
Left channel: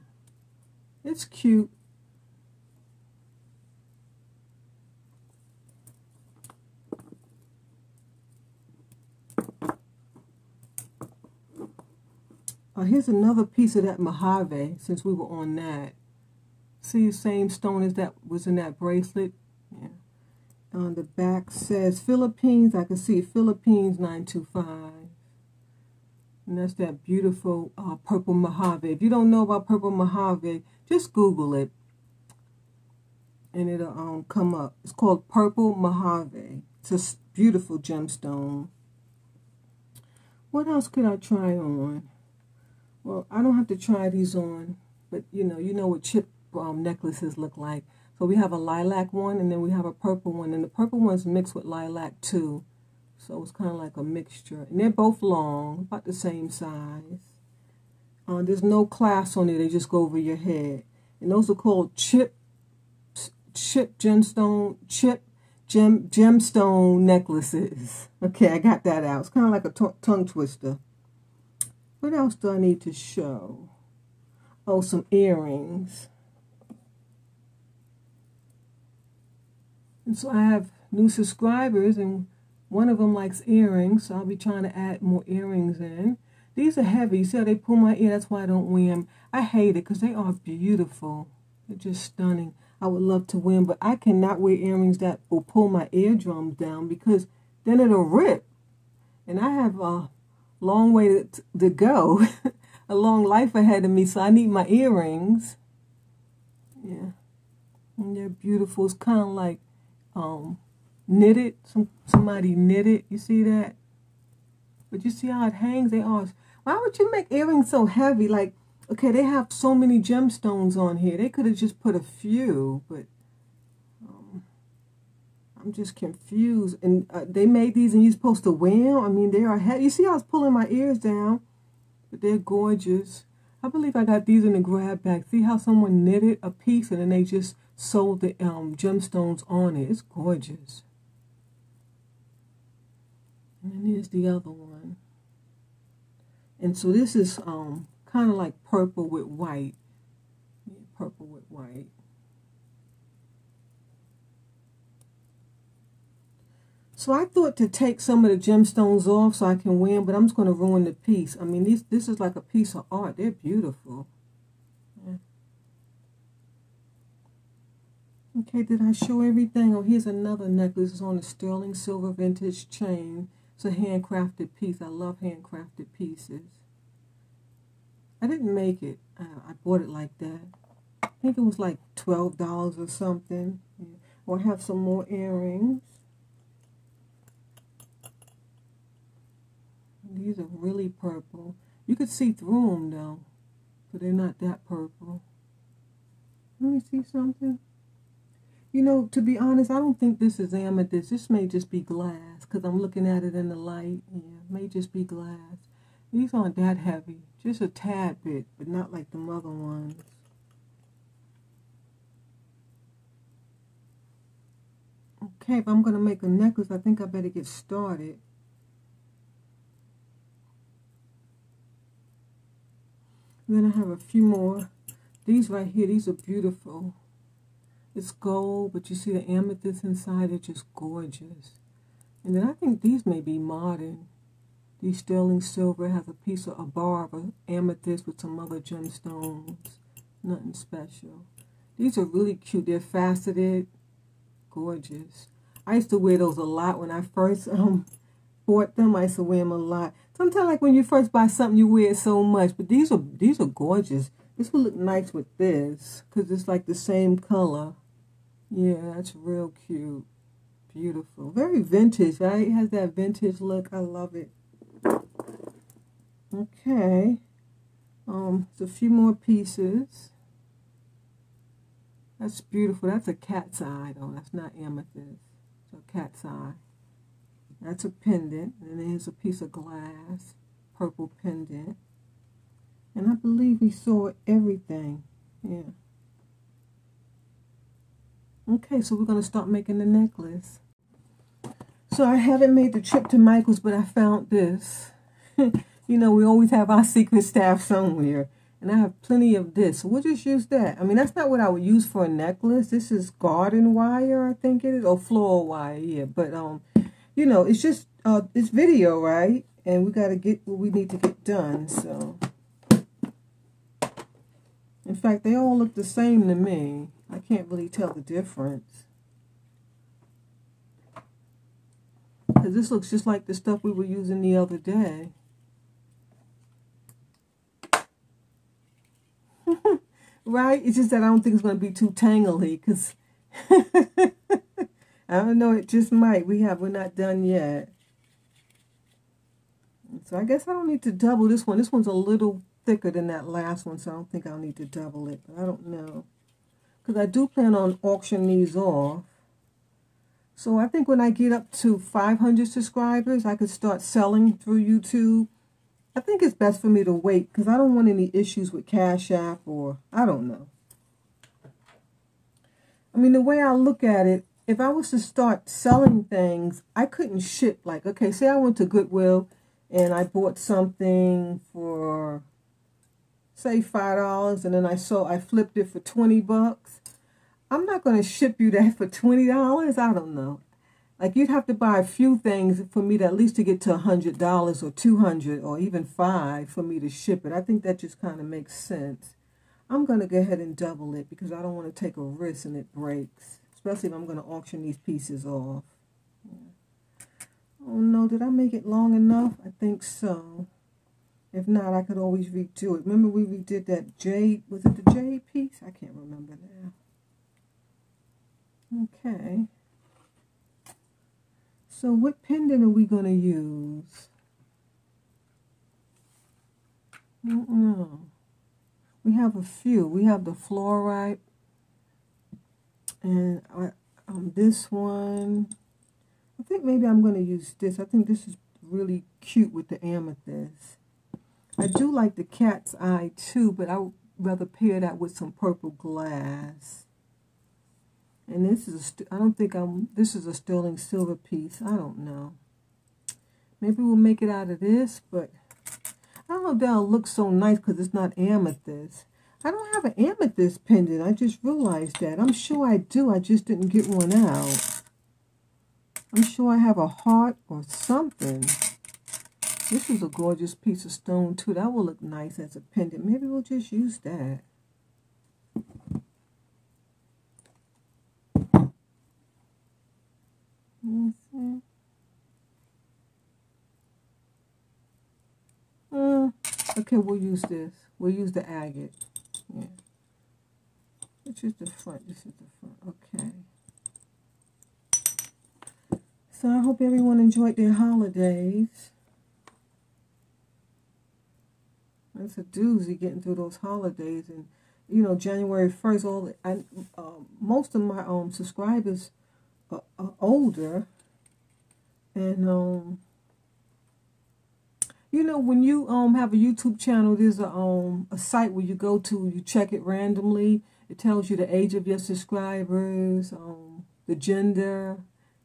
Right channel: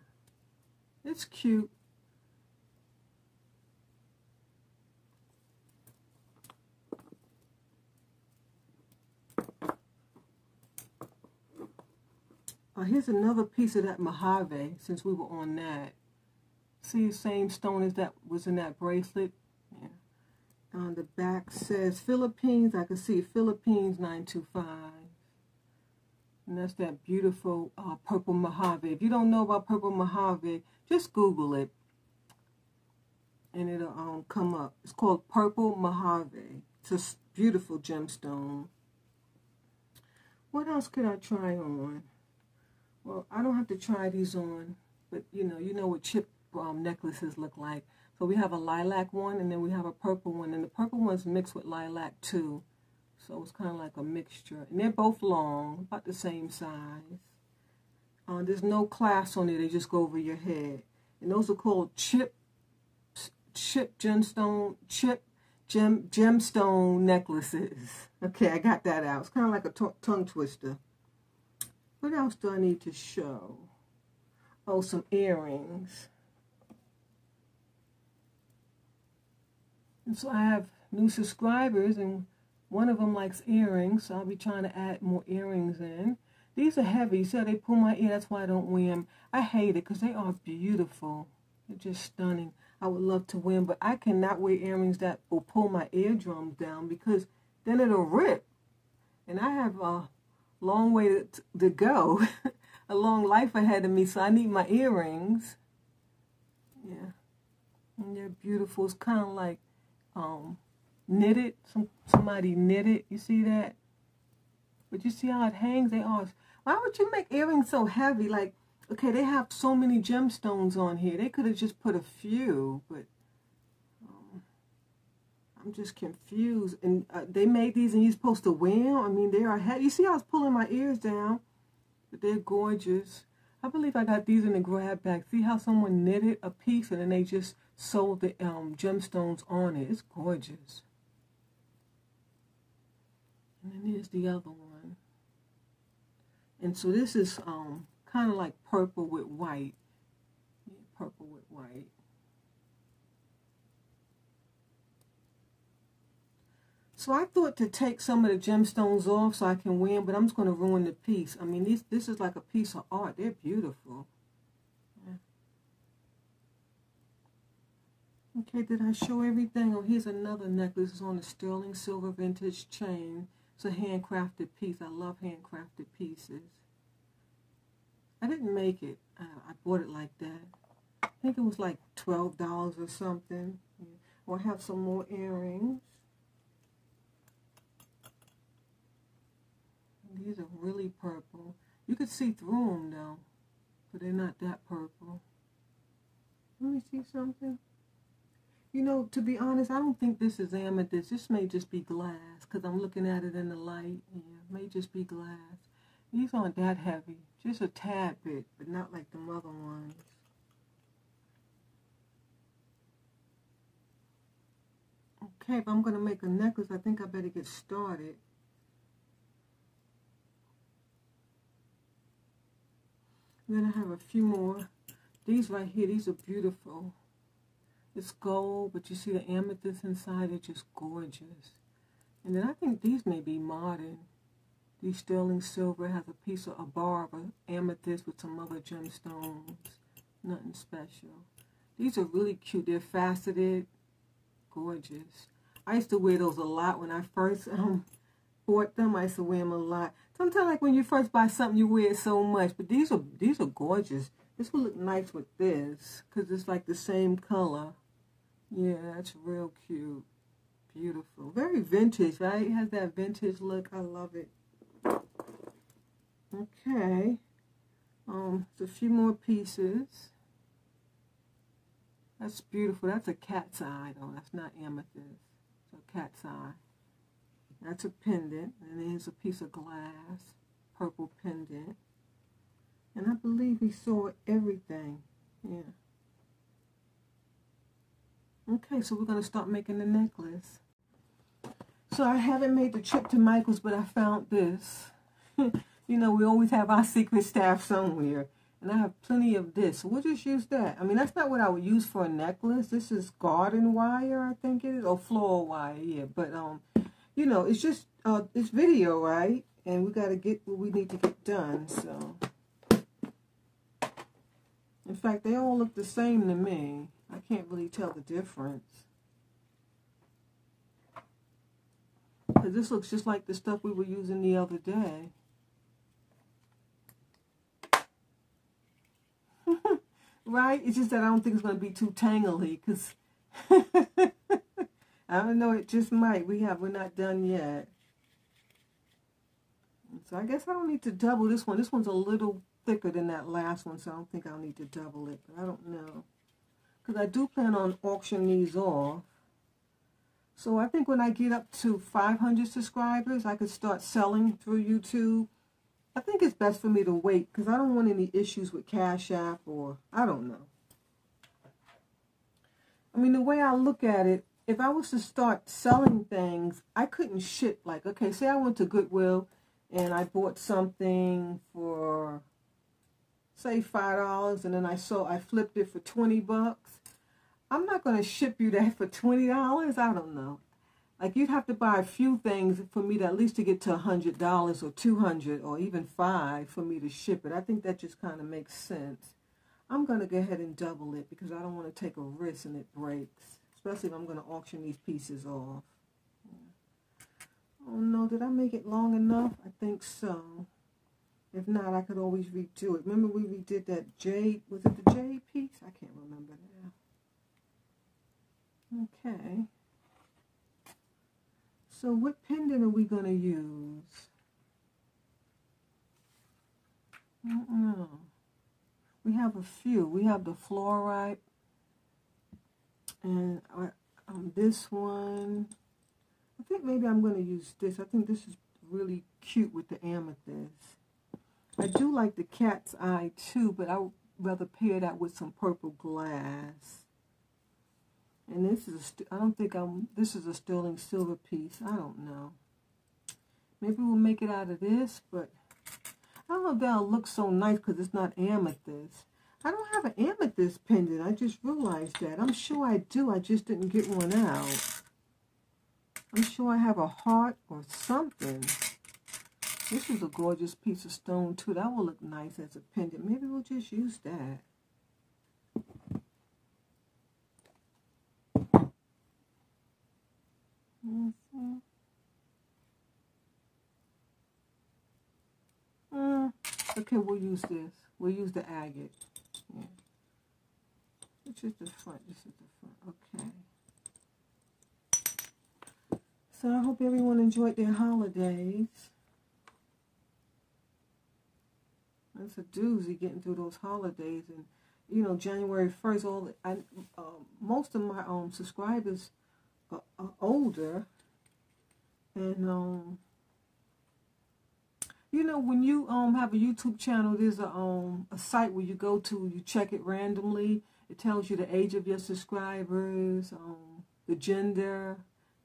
It's cute. Here's another piece of that Mojave, since we were on that. See the same stone as that was in that bracelet? Yeah. On the back says Philippines. I can see Philippines 925. And that's that beautiful purple Mojave. If you don't know about purple Mojave, just Google it. And it'll come up. It's called purple Mojave. It's a beautiful gemstone. What else could I try on? Well, I don't have to try these on, but you know what chip necklaces look like. So we have a lilac one, and then we have a purple one, and the purple one's mixed with lilac too. So it's kind of like a mixture. And they're both long, about the same size. There's no clasp on it. They just go over your head. And those are called gemstone necklaces. Okay, I got that out. It's kind of like a tongue twister. What else do I need to show? Oh, some earrings. And so I have new subscribers, and one of them likes earrings, so I'll be trying to add more earrings in. These are heavy, so they pull my ear. That's why I don't wear them. I hate it because they are beautiful. They're just stunning. I would love to wear them, but I cannot wear earrings that will pull my eardrums down because then it'll rip. And I have a long way to go. a long life ahead of me, so I need my earrings. Yeah. And they're beautiful. It's kind of like knitted. Somebody knitted. You see that? But you see how it hangs? They are. Why would you make earrings so heavy? Like, okay, they have so many gemstones on here. They could have just put a few, but I'm just confused. And they made these and you're supposed to wear them? I mean, they are heavy. You see how I was pulling my ears down? But they're gorgeous. I believe I got these in the grab bag. See how someone knitted a piece and then they just sewed the gemstones on it. It's gorgeous. And then here's the other one. And so this is kind of like purple with white. Yeah, purple with white. So I thought to take some of the gemstones off so I can wear them, but I'm just going to ruin the piece. I mean, this is like a piece of art. They're beautiful. Yeah. Okay, did I show everything? Oh, here's another necklace. It's on a sterling silver vintage chain. It's a handcrafted piece. I love handcrafted pieces. I didn't make it. I bought it like that. I think it was like $12 or something. Yeah. Or I have some more earrings. These are really purple. You could see through them though, but they're not that purple. Let me see something. You know, to be honest, I don't think this is amethyst. This may just be glass because I'm looking at it in the light. Yeah, it may just be glass. These aren't that heavy, just a tad bit, but not like the other ones. Okay, if I'm going to make a necklace, I think I better get started. Then I have a few more. These right here, these are beautiful. It's gold, but you see the amethyst inside, they're just gorgeous. And then I think these may be modern. These sterling silver has a bar of an amethyst with some other gemstones. Nothing special. These are really cute. They're faceted. Gorgeous. I used to wear those a lot when I first bought them. I used to wear them a lot. Sometimes, like when you first buy something, you wear it so much. But these are gorgeous. This would look nice with this because it's like the same color. Yeah, that's real cute. Beautiful. Very vintage, right? It has that vintage look. I love it. Okay. There's a few more pieces. That's beautiful. That's a cat's eye, though. That's not amethyst. It's a cat's eye. That's a pendant, and then here's a piece of glass, purple pendant. And I believe we saw everything. Yeah. Okay, so we're going to start making the necklace. So I haven't made the trip to Michael's, but I found this. You know, we always have our secret stash somewhere. And I have plenty of this. So we'll just use that. I mean, that's not what I would use for a necklace. This is garden wire, I think it is. Or floral wire, yeah. But, you know, it's just, it's video, right? And we got to get what we need to get done, so. In fact, they all look the same to me. I can't really tell the difference. Because this looks just like the stuff we were using the other day. Right? It's just that I don't think it's going to be too tangly, because I don't know, it just might. We're not done yet. So I guess I don't need to double this one. This one's a little thicker than that last one, so I don't think I'll need to double it. But I don't know. Because I do plan on auctioning these off. So I think when I get up to 500 subscribers, I could start selling through YouTube. I think it's best for me to wait because I don't want any issues with Cash App or I don't know. I mean, the way I look at it, if I was to start selling things, I couldn't ship. Like, okay, say I went to Goodwill and I bought something for, say, $5, and then I flipped it for $20. I'm not going to ship you that for $20. I don't know. Like, you'd have to buy a few things for me to at least to get to $100 or $200 or even $5 for me to ship it. I think that just kind of makes sense. I'm going to go ahead and double it because I don't want to take a risk and it breaks, especially if I'm going to auction these pieces off. Yeah. Oh, no, did I make it long enough? I think so. If not, I could always redo it. Remember we redid that jade, was it the jade piece? I can't remember now. Okay. So what pendant are we going to use? I don't know. We have a few. We have the FLUORITE and this one. I think maybe I'm going to use this. I think this is really cute with the amethyst. I do like the cat's eye too, but I would rather pair that with some purple glass. And this is this is a sterling silver piece. I don't know. Maybe we'll make it out of this, but I don't know if that'll look so nice because it's not amethyst. I don't have an amethyst pendant. I just realized that. I'm sure I do. I just didn't get one out. I'm sure I have a heart or something. This is a gorgeous piece of stone too. That will look nice as a pendant. Maybe we'll just use that. Okay, we'll use this. We'll use the agate. Yeah. Which is the front? This is the front. Okay. So I hope everyone enjoyed their holidays. It's a doozy getting through those holidays, and you know, January 1st. Most of my subscribers are older, and you know, when you have a YouTube channel, there's a site where you go to, you check it randomly. It tells you the age of your subscribers, the gender,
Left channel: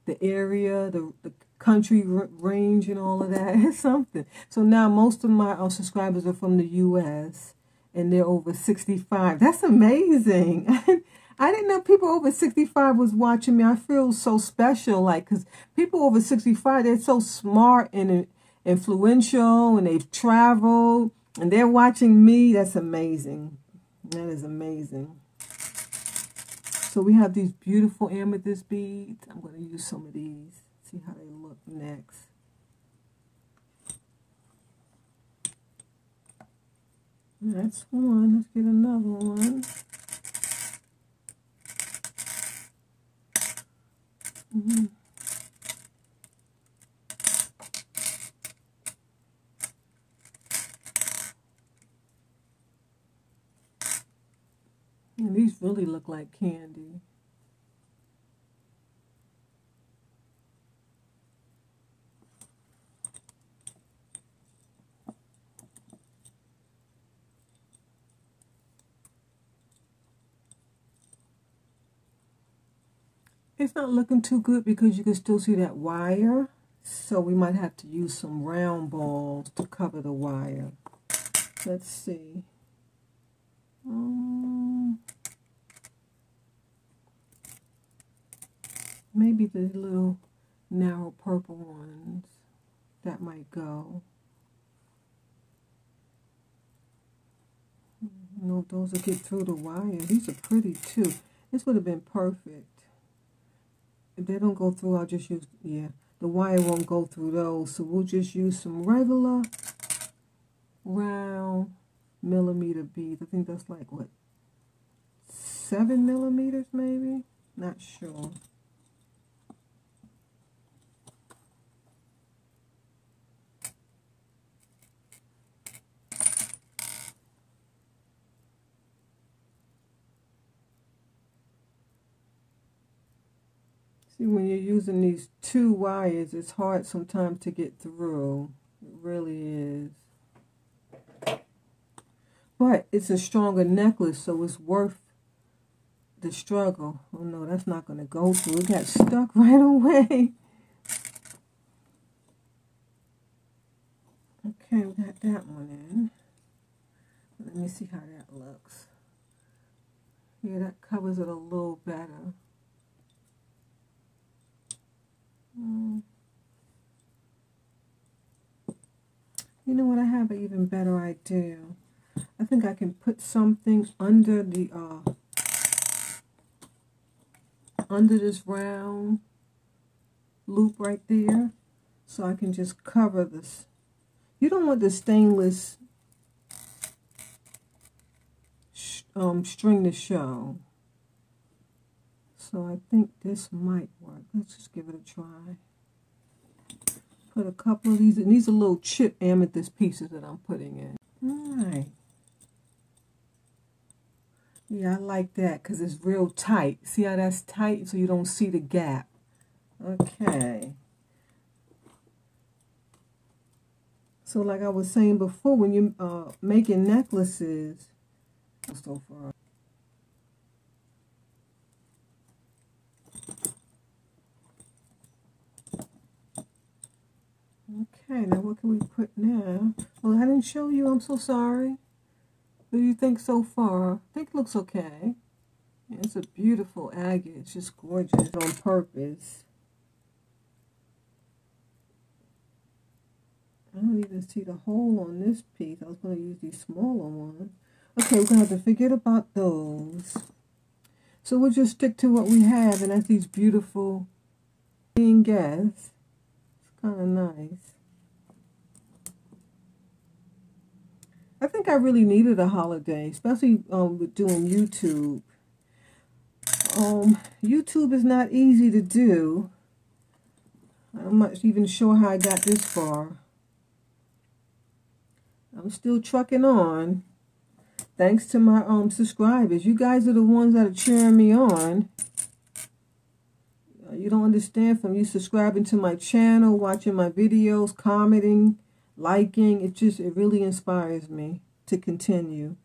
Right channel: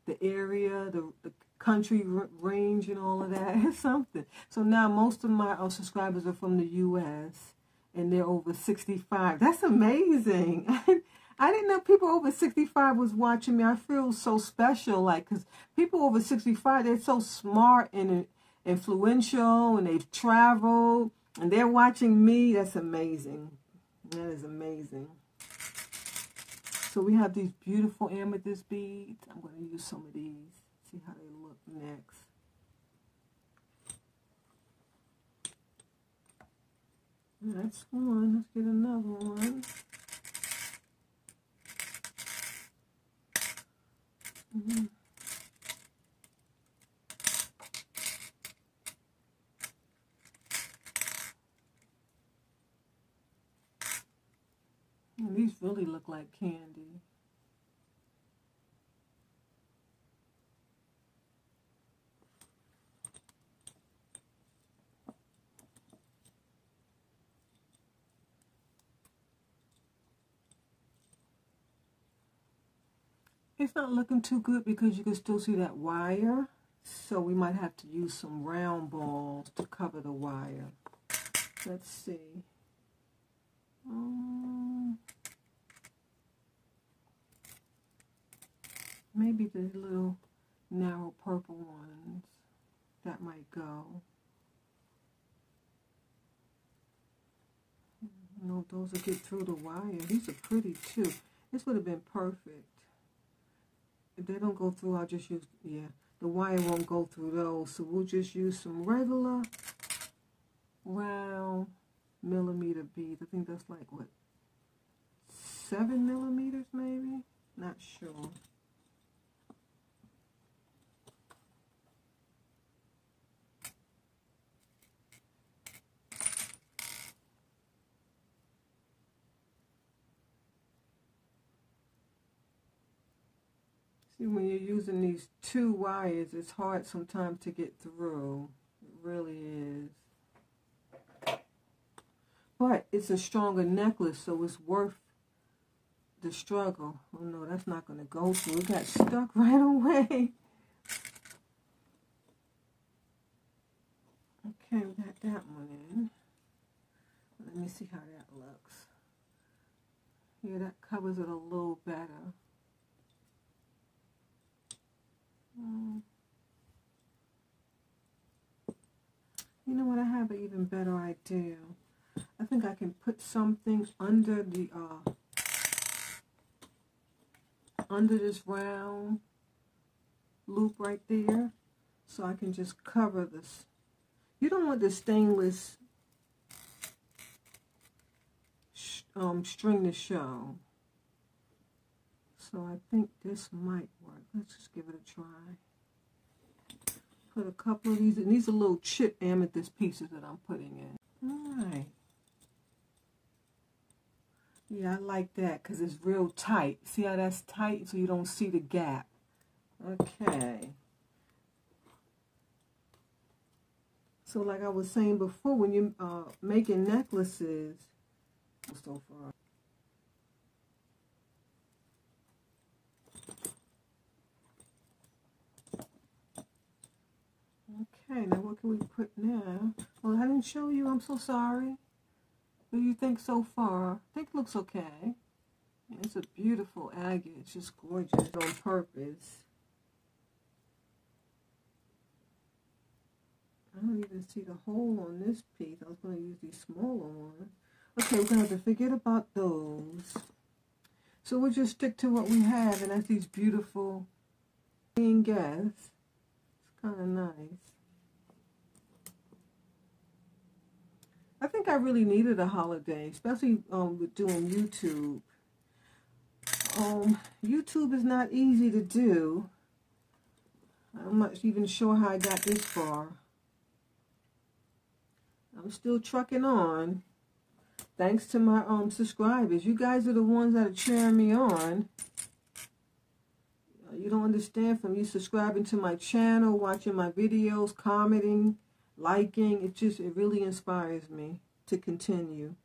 the area, the country range, and all of that. It's something. So now most of my subscribers are from the U.S. and they're over 65. That's amazing. I didn't know people over 65 was watching me. I feel so special, like, because people over 65, they're so smart and influential, and they've traveled, and they're watching me. That's amazing. That is amazing. So we have these beautiful amethyst beads. I'm going to use some of these. See how they look next. That's one. Let's get another one. And these really look like candy. It's not looking too good because you can still see that wire. So we might have to use some round balls to cover the wire. Let's see. Maybe the little narrow purple ones, that might go. No, those will get through the wire. These are pretty too. This would have been perfect. If they don't go through, I'll just use, yeah, the wire won't go through those. So we'll just use some regular round millimeter beads. I think that's like, what, 7 millimeters maybe? Not sure. See, when you're using these two wires, it's hard sometimes to get through. It really is. But it's a stronger necklace, so it's worth the struggle. Oh no, that's not going to go through. It got stuck right away. Okay, we got that one in. Let me see how that looks. Yeah, that covers it a little better. You know what? I have an even better idea. I think I can put something under the under this round loop right there, so I can just cover this. You don't want the stainless string to show. So I think this might work. Let's just give it a try. Put a couple of these, and these are little chip amethyst pieces that I'm putting in. Alright. Yeah, I like that because it's real tight. See how that's tight so you don't see the gap. Okay. So like I was saying before, when you're making necklaces, so far. Okay, now what can we put now? Well, I didn't show you. I'm so sorry. What do you think so far? I think it looks okay. Yeah, it's a beautiful agate. It's just gorgeous on purpose. I don't even see the hole on this piece. I was going to use these smaller ones. Okay, we're going to have to forget about those. So we'll just stick to what we have, and that's these beautiful guests. It's kind of nice. I think I really needed a holiday, especially with doing YouTube. YouTube is not easy to do. I'm not even sure how I got this far. I'm still trucking on. Thanks to my subscribers. You guys are the ones that are cheering me on. You don't understand, from you subscribing to my channel, watching my videos, commenting, liking, it really inspires me to continue.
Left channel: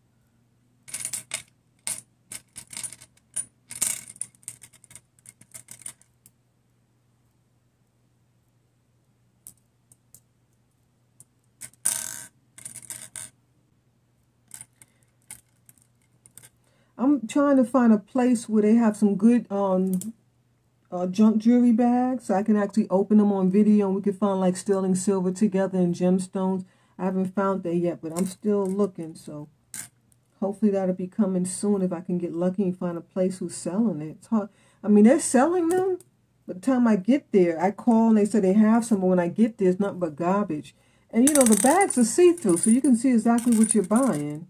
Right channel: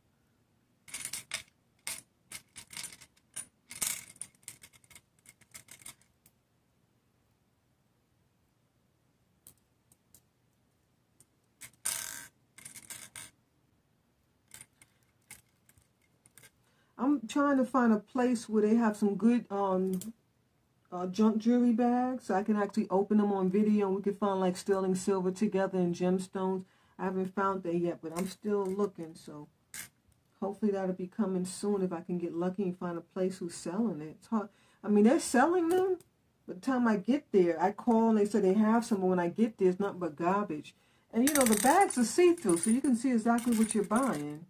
I'm trying to find a place where they have some good junk jewelry bags, so I can actually open them on video and we can find like sterling silver together and gemstones. I haven't found that yet, but I'm still looking, so hopefully that'll be coming soon if I can get lucky and find a place who's selling it. It's hard. I mean, they're selling them. By the time I get there, I call and they say they have some, but when I get there, it's nothing but garbage. And you know, the bags are see-through, so you can see exactly what you're buying.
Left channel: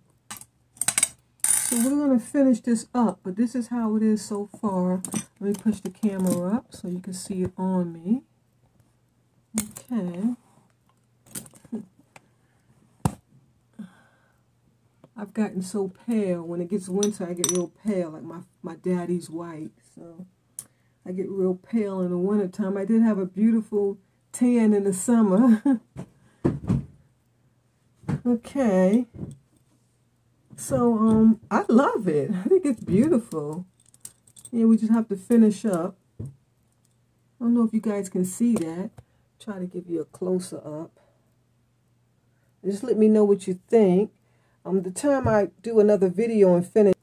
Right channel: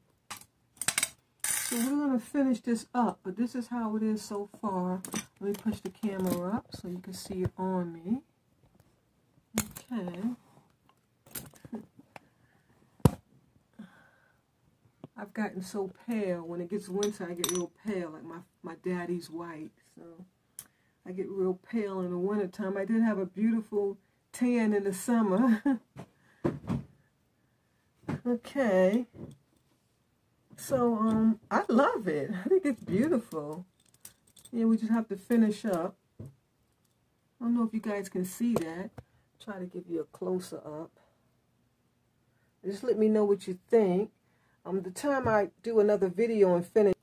So we're going to finish this up, but this is how it is so far. Let me push the camera up so you can see it on me. Okay. I've gotten so pale. When it gets winter, I get real pale, like my daddy's white. So I get real pale in the wintertime. I did have a beautiful tan in the summer. Okay. So, I love it. I think it's beautiful. Yeah, we just have to finish up. I don't know if you guys can see that. Try to give you a closer up. Just let me know what you think. The time I do another video and finish,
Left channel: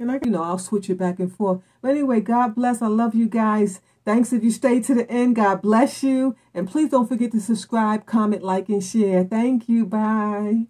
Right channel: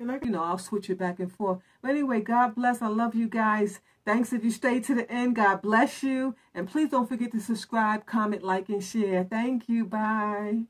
and I'll switch it back and forth. But anyway, God bless. I love you guys. Thanks if you stayed to the end. God bless you. And please don't forget to subscribe, comment, like, and share. Thank you. Bye.